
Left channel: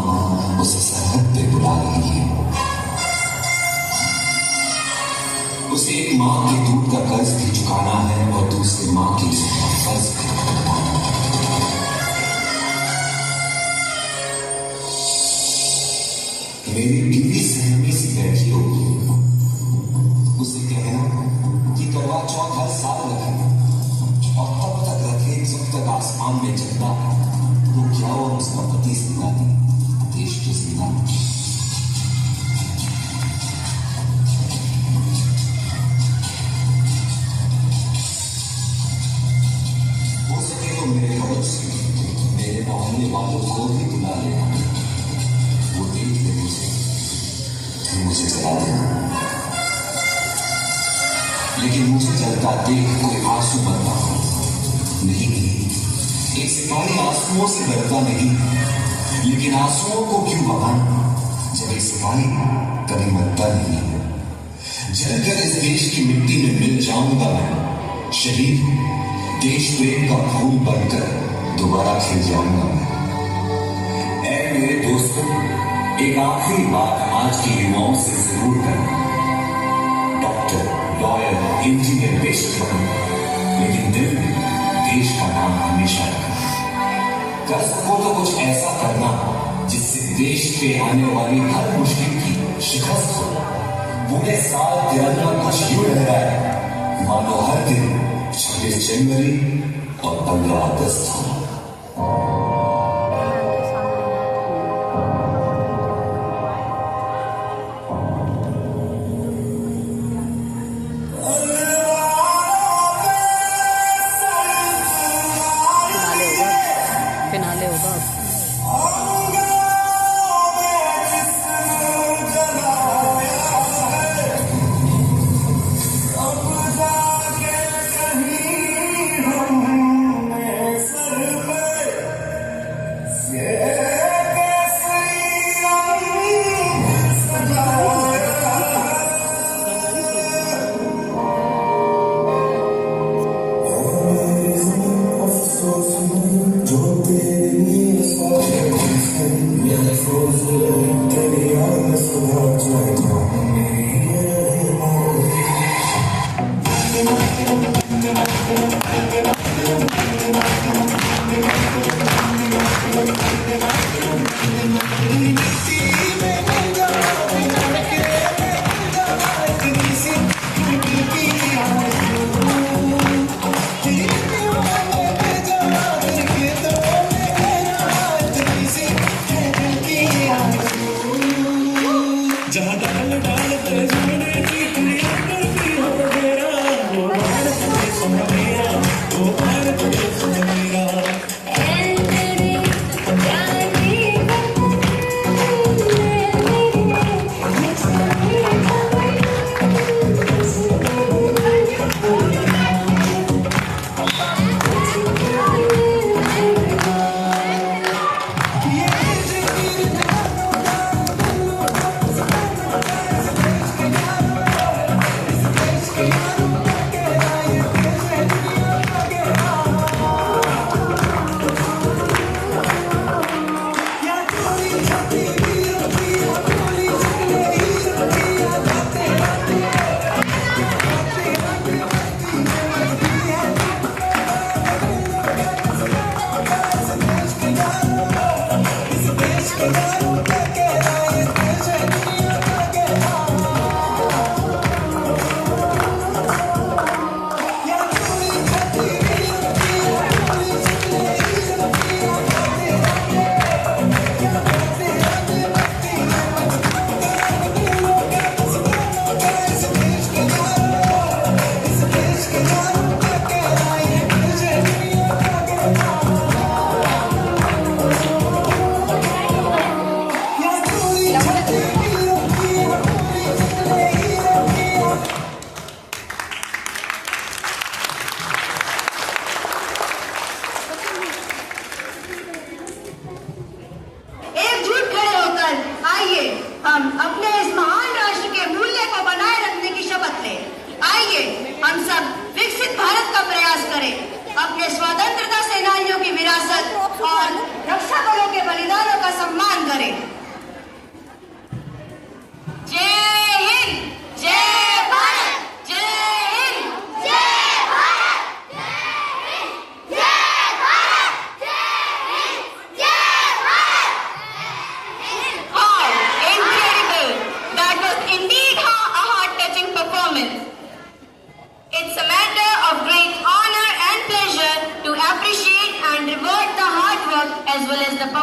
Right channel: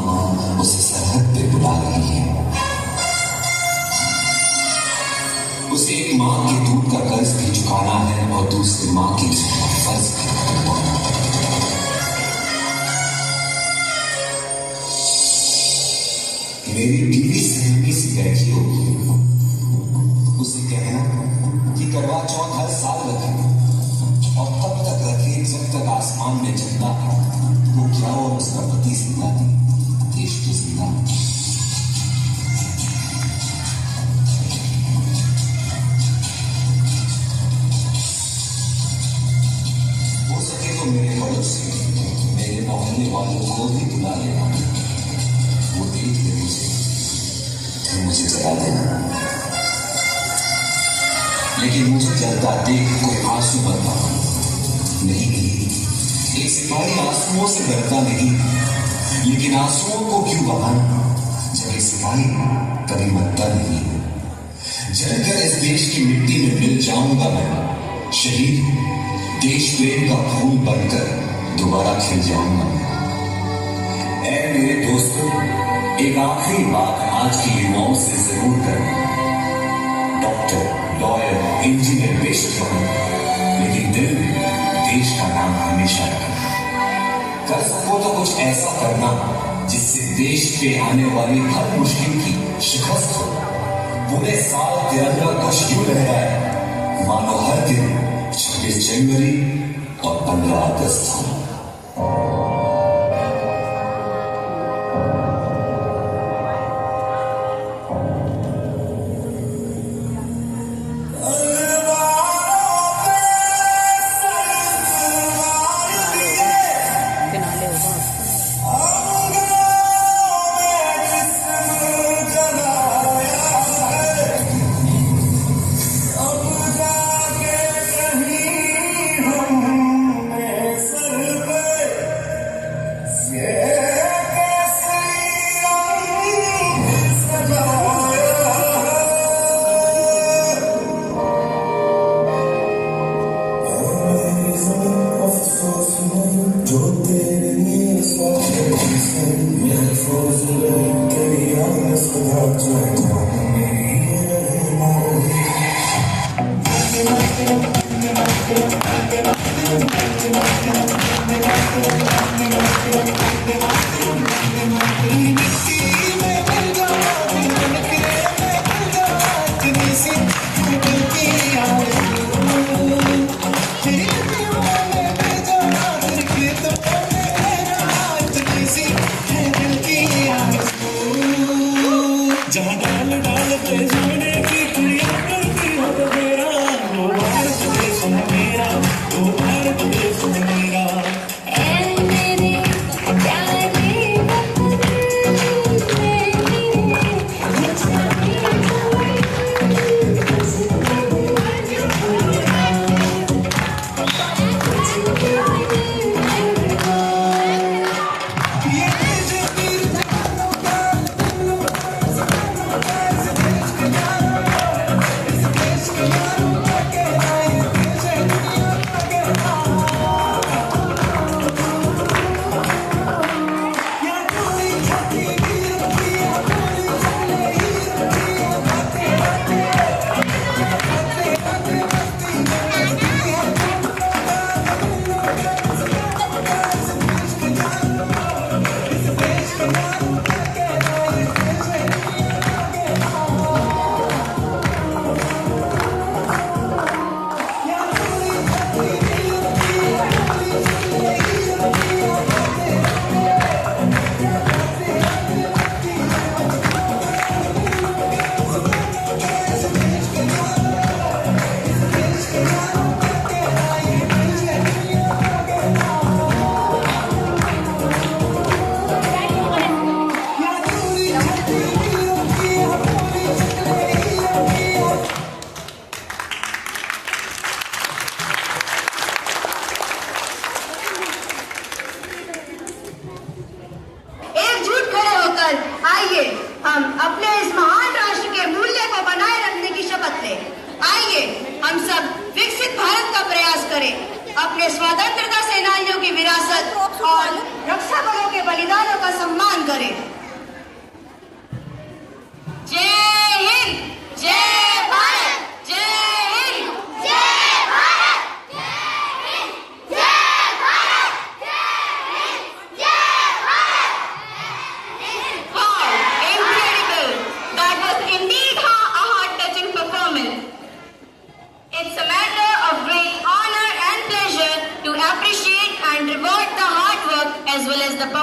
उसे सरहद पे बुला रही है। उसे एक मां के दूध का कर्ज भी चुकाना है और दूसरी मां के फर्ज भी निभाना है। मेरी बीवी सहमी से बैठी होगी, उसे कहना कि करवा चौथ हर साल रखे और तब तक रखे जब तक आसमान में चलता है वो क्या और उसका पति जिंदा है, देश के जिंदा। हो सके तो मेरे खबर से मेरे मोहल्ले वालों को भी बुला लेना, वो देख ले मुझे, फिर मुझे जला देना। लेकिन मुझे जलता देख कोई आंसू बनता नहीं। एक सिपाही आंसुओं से डरता नहीं, लेकिन आंसुओं को क्यों बहाना जब एक सिपाही कभी मरता नहीं है। जलकर इस देश की मिट्टी में मिल जाऊंगा मैं, शहीद देश प्रेम का फूल बनकर दोबारा खिल जाऊंगा मैं। ऐ मेरे दोस्तों, एक आखिरी बात आज के युवाओं से जरूर करना। डॉक्टर, लॉयर, इंजीनियर बेशक बनो, लेकिन दिल में देश का नाम हमेशा रखना। कर सको तो कुछ ऐसा करना जिससे देश पे आने वाली हर मुश्किल की शिकस्त हो। पूरे साल तिरंगा ध्वज क्यों लहराए, मानो हर दिन 26 जनवरी और 15 अगस्त हो। Thank you.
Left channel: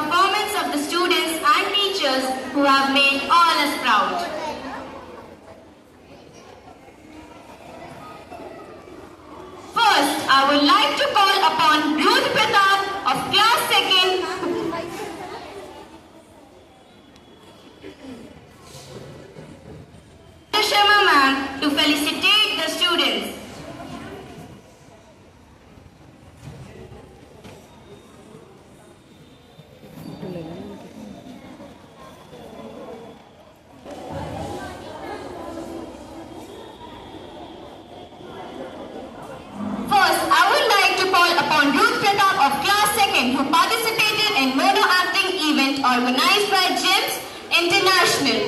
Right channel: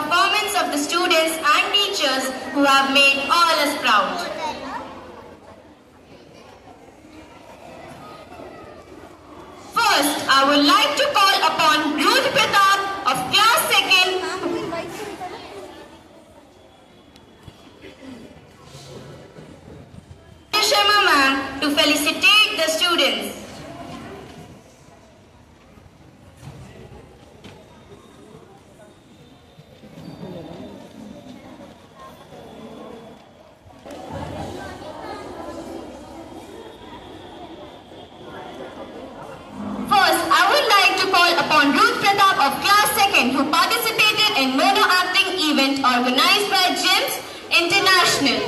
performance of the students and teachers who have made all us proud. First, I would like to call upon Ruth Pratap of class 2nd Sharma ma'am to felicitate the students. First, I would like to call upon Ruth Pratap of class 2nd who participated in mono acting event organized by GEMS International.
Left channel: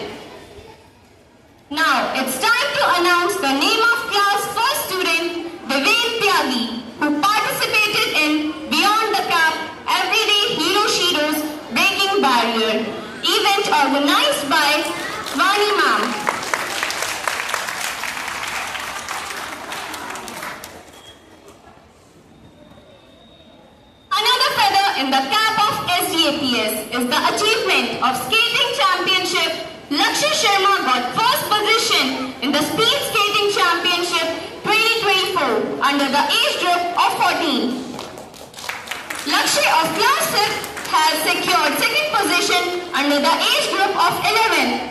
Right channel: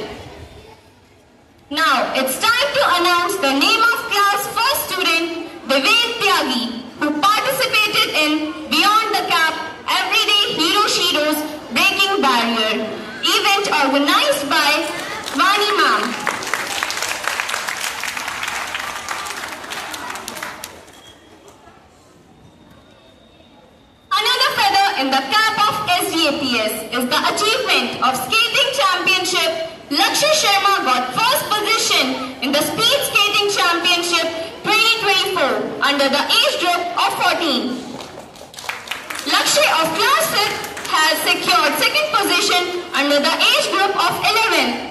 Now, it's time to announce the name of class 1st student, Vivek Tyagi, who participated in Beyond the Cap Everyday Hero Sheroes Breaking Barrier event organized by Vani Ma'am. Another feather in the cap of SDAPS is the achievement of Skating Championship. Lakshya Sharma got first position in the Speed Skating Championship 2024 under the age group of 14. Lakshya of class 6 has secured second position under the age group of 11.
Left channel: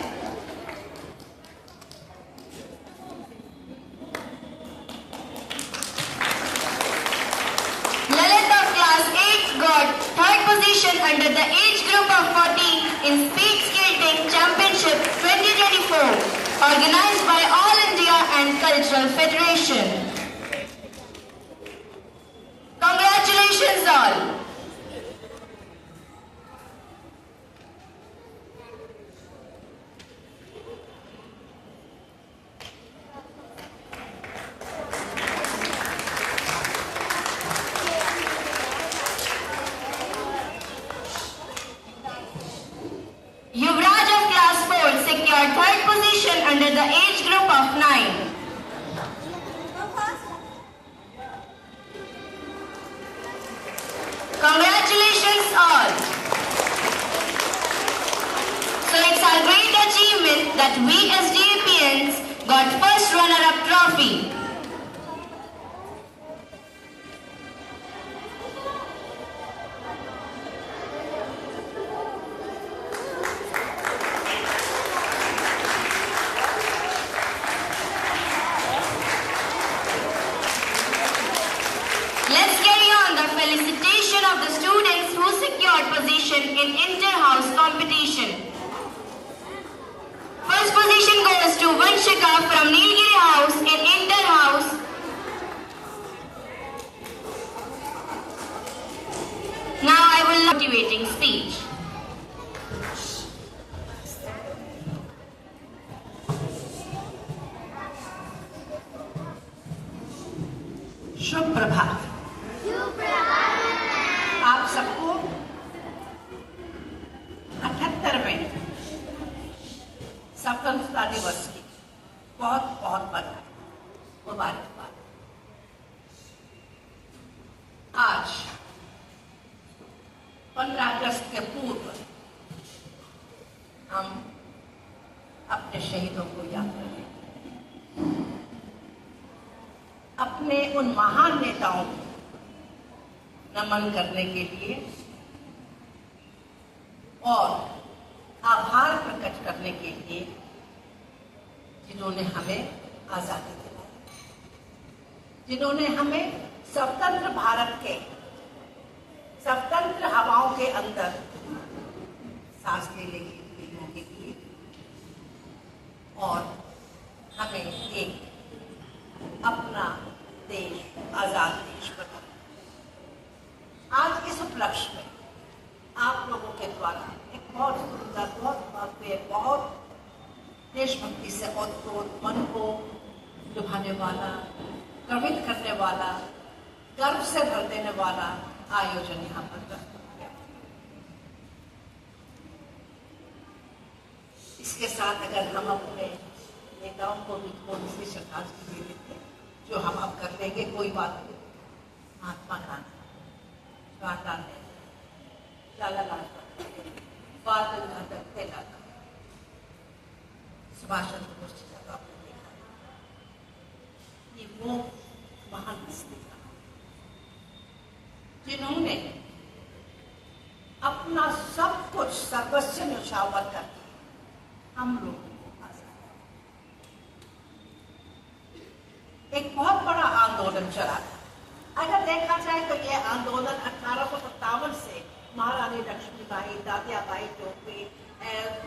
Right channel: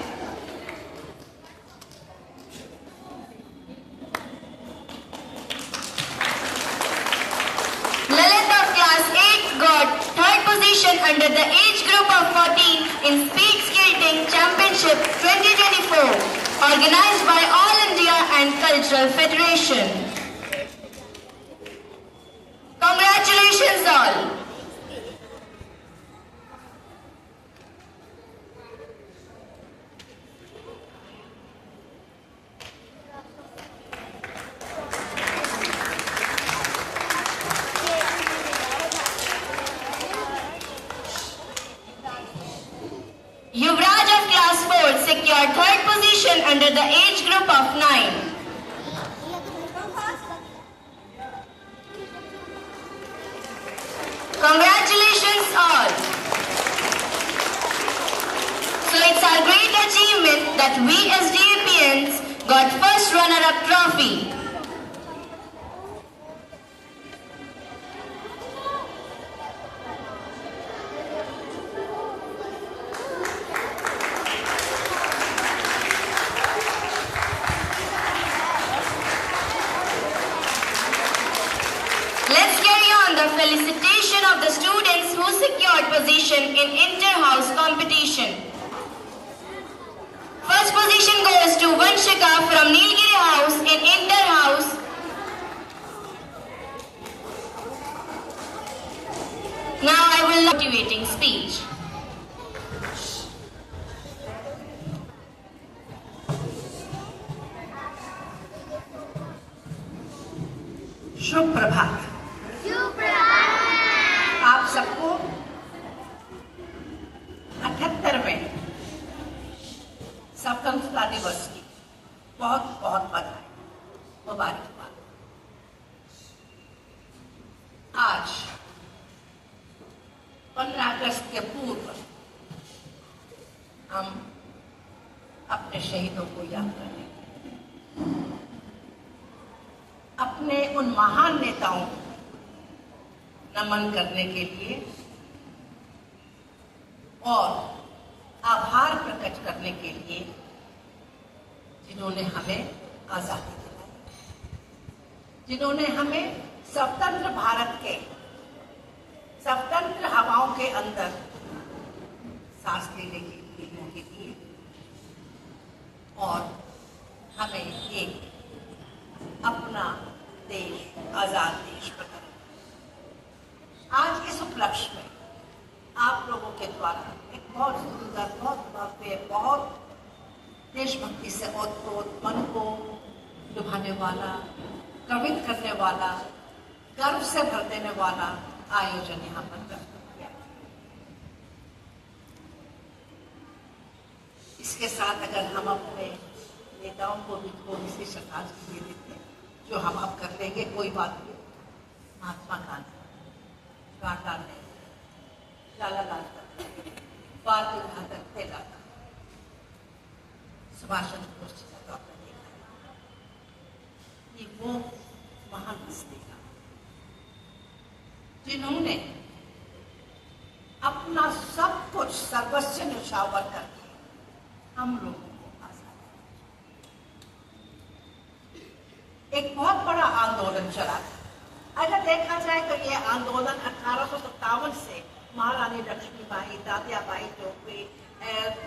Got third position under the age group of 14 in Speed Skating Championship 2024 organized by All India and Cultural Federation. Congratulations all. Yuvraj of class 4 secured third position under the age group of 9. Congratulations all. So it's our great achievement that we SDAPians got first runner-up trophy. Let's carry on the felicitation of the students who secured position in inter-house competition. First position goes to Vanshika from Nilgiri House in inter-house. Now I will motivating speech. शुभ प्रभात। आप सबको 78वें स्वतंत्रता दिवस की बहुत बहुत बधाई मुबारकबाद। आज 15 अगस्त के पूर्व हम अपने शहीदों को याद करें, अपने उन महान नेताओं को नमन करने के लिए और आभार प्रकट करने के लिए जिन्होंने हमें आजादी दिलाई, जिन्होंने हमें स्वतंत्र भारत के स्वतंत्र हवाओं के अंदर सांस लेने की मौके दी और हमें एक अपना देश आजाद देश बना। आज इस उपलक्ष्य में आप लोगों के द्वारा एक बहुत सुंदर, बहुत भव्य, बहुत देशभक्ति से ओतप्रोत, मन को लुभाने वाला, प्रमित करने वाला, गर्व से भर देने वाला आयोजन यहाँ पर प्रस्तुत किया। इसके साथ अगर हम अपने नेताओं को भी थोड़ी सी श्रद्धांजलि देते, जो हम अब कर लेंगे, कोई बात नहीं। महात्मा गांधी, जवाहरलाल नेहरू, लाला लाजपत बादल बादल फैला था। सुभाष चंद्र बोस जी का आपने देखा, ये वो महान हस्ती था जिन्होंने अपना सब कुछ सर्वस्व न्यौछावर करके हम लोगों को आजादी दी। एक बहुत बड़ा आंदोलन चला था। अगर देखा जाए तो यह आंदोलन 1857 से महारानी लक्ष्मीबाई, तात्याबाई टोपे,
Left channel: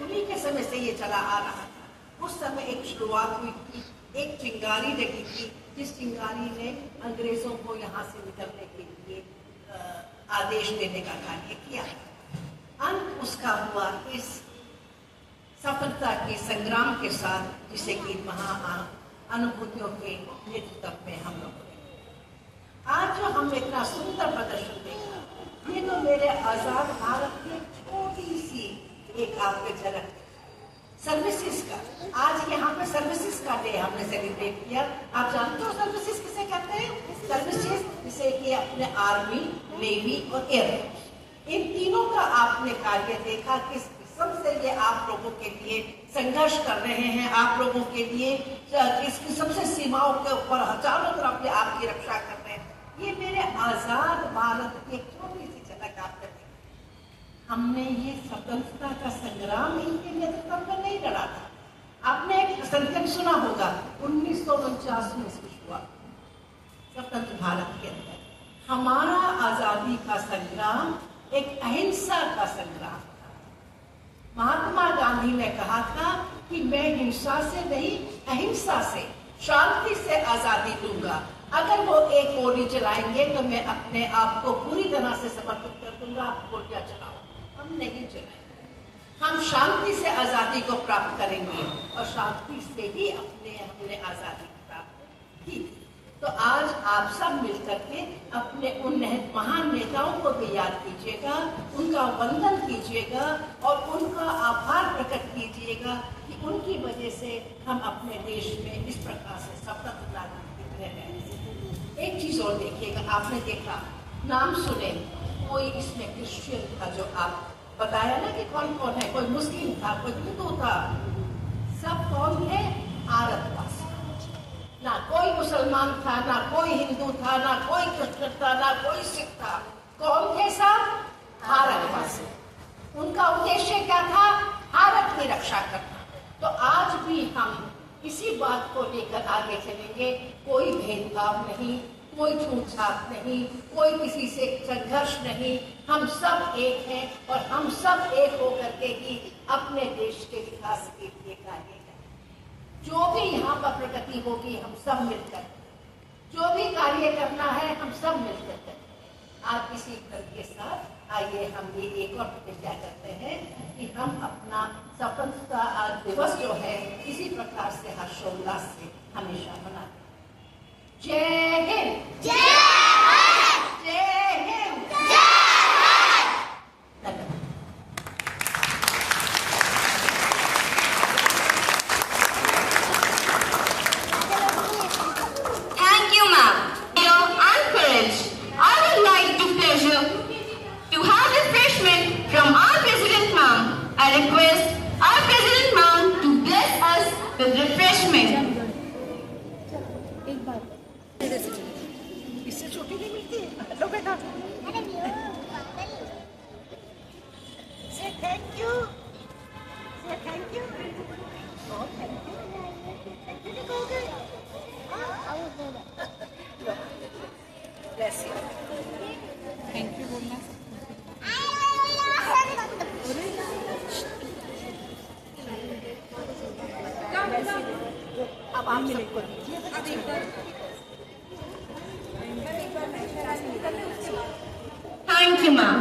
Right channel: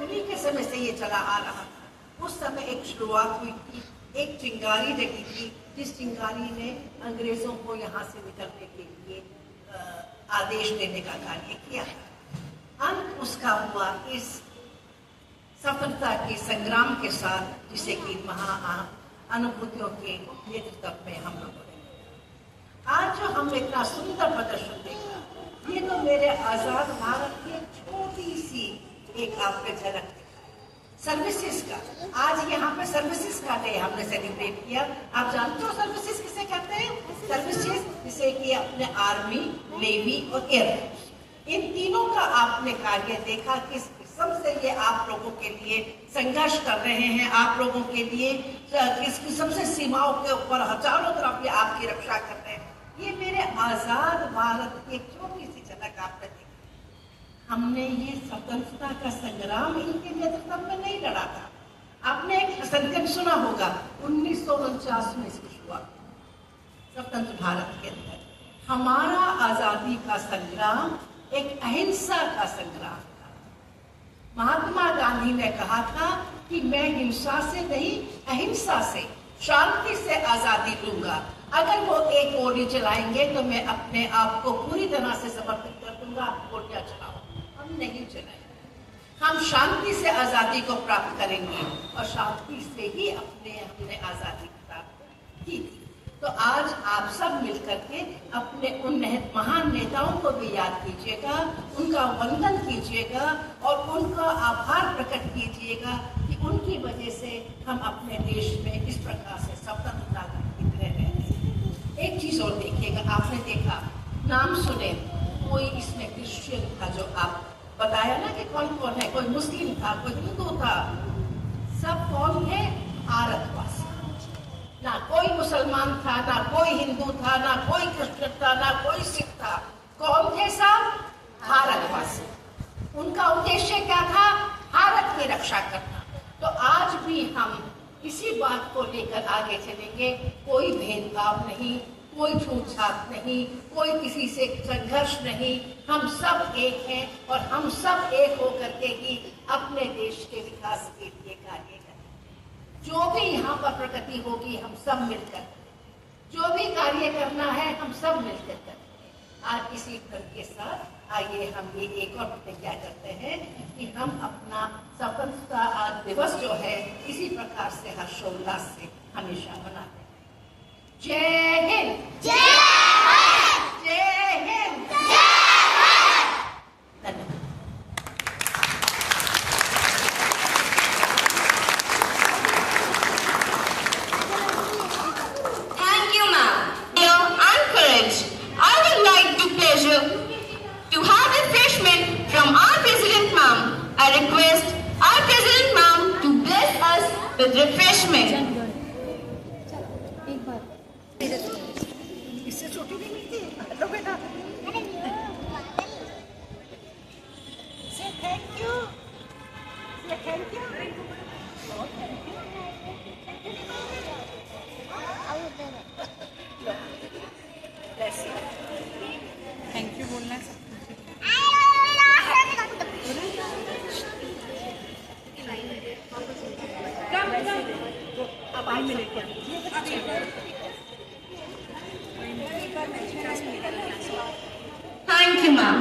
उन्हीं के समय से ये चला आ रहा था। उस समय एक शुरुआत हुई थी, एक चिंगारी लगी थी, जिस चिंगारी ने अंग्रेजों को यहाँ से निकलने के लिए आदेश देने का कार्य किया। अंत उसका हुआ इस सफलता के संग्राम के साथ, जिसे कि अनुभूतियों के नेतृत्व में हम लोगों ने आज जो हम इतना सुंदर प्रदर्शन देखा, ये तो मेरे आजाद भारत की छोटी सी एक आपके झलक सर्विसेज का। आज यहाँ पे सर्विसेज का डे हमने सेलिब्रेट किया। आप जानते हो सर्विसेज किसे कहते हैं? सर्विसेज जिसे कि अपने आर्मी, नेवी और एयरफोर्स, इन तीनों का आपने कार्य देखा, किस किस्म से ये आप लोगों के लिए संघर्ष कर रहे हैं, आप लोगों के लिए किस किस्म से सीमाओं के ऊपर चारों तरफ ये आपकी रक्षा कर रहे हैं। ये मेरे आजाद भारत की छोटी सी झलक आपने देखी। हमने ये स्वतंत्रता का संग्राम इनके नेतृत्व में नहीं लड़ा था। आपने एक संकल्प सुना होगा, 1949 में इसकी शुरुआत स्वतंत्र भारत के अंदर। हमारा आजादी का संग्राम एक अहिंसा का संग्राम था। महात्मा गांधी ने कहा था कि मैं हिंसा से नहीं, अहिंसा से, शांति से आजादी दूंगा। अगर वो एक गोली चलाएंगे तो मैं अपने आप को पूरी तरह से समर्पित कर दूंगा, आप गोलियां चलाओ। हम नहीं चलाएंगे, हम शांति से आजादी को प्राप्त करेंगे और शांति से ही हमने आजादी प्राप्त की थी। तो आज आप सब मिलकर के अपने उन महान नेताओं को भी याद कीजिएगा, उनका वंदन कीजिएगा और उनका आभार प्रकट कीजिएगा कि उनकी वजह से हम अपने देश में इस प्रकार से स्वतंत्र नागरिक रह रहे हैं। एक चीज और देखिएगा, आपने देखा, नाम सुने, कोई इसमें क्रिश्चियन था, जो आप बताया ना कि कौन कौन है, कोई मुस्लिम था, कोई हिंदू था, सब कौन है? भारतवासी। ना कोई मुसलमान था, ना कोई हिंदू था, ना कोई क्रिश्चियन था, ना कोई सिख था। कौन थे सब? भारतवासी। उनका उद्देश्य क्या था? भारत की रक्षा करना। तो आज भी हम इसी बात को लेकर आगे चलेंगे। कोई भेदभाव नहीं, कोई छूटछाट नहीं, कोई किसी से संघर्ष नहीं। हम सब एक हैं और हम सब एक होकर के ही अपने देश के विकास के लिए कार्य करें। जो भी यहाँ पर प्रगति होगी, हम सब मिलकर, जो भी कार्य करना है, हम सब मिलकर करें। आज इसी फल के साथ आइए हम ये एक और प्रतिज्ञा करते हैं कि हम अपना स्वतंत्रता दिवस जो है इसी प्रकार से हर्षोल्लास से हमेशा मनाते हैं। जय हिंद, जय हिंद, जय हिंद, जय Hind. Thank you, ma'am. I'm encouraged. I would like to pleasure to have refreshment from our president, ma'am. I request our president, ma'am, to bless us with refreshment. इससे छोटी नहीं मिलती। लो बेटा, से थैंक यू, से थैंक यू, बहुत thank you, thank you नहीं कहोगे? लो, ब्लेस यू, थैंक यू बोलना है। अब आप सबको Thank you, ma'am.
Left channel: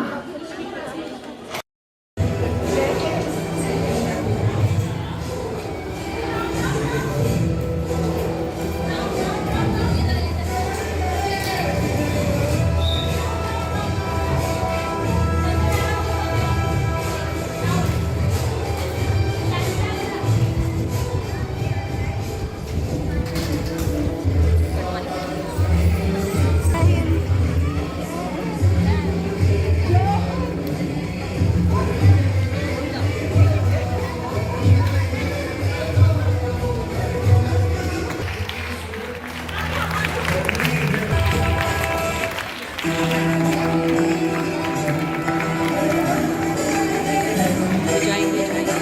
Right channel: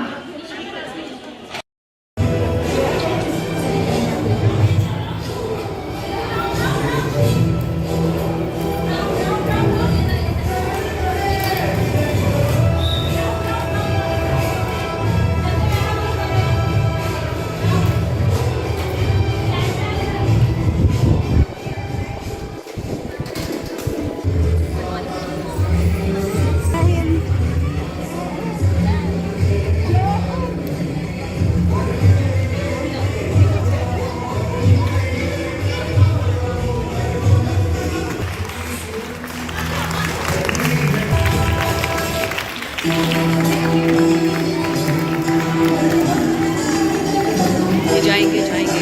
जाएंगे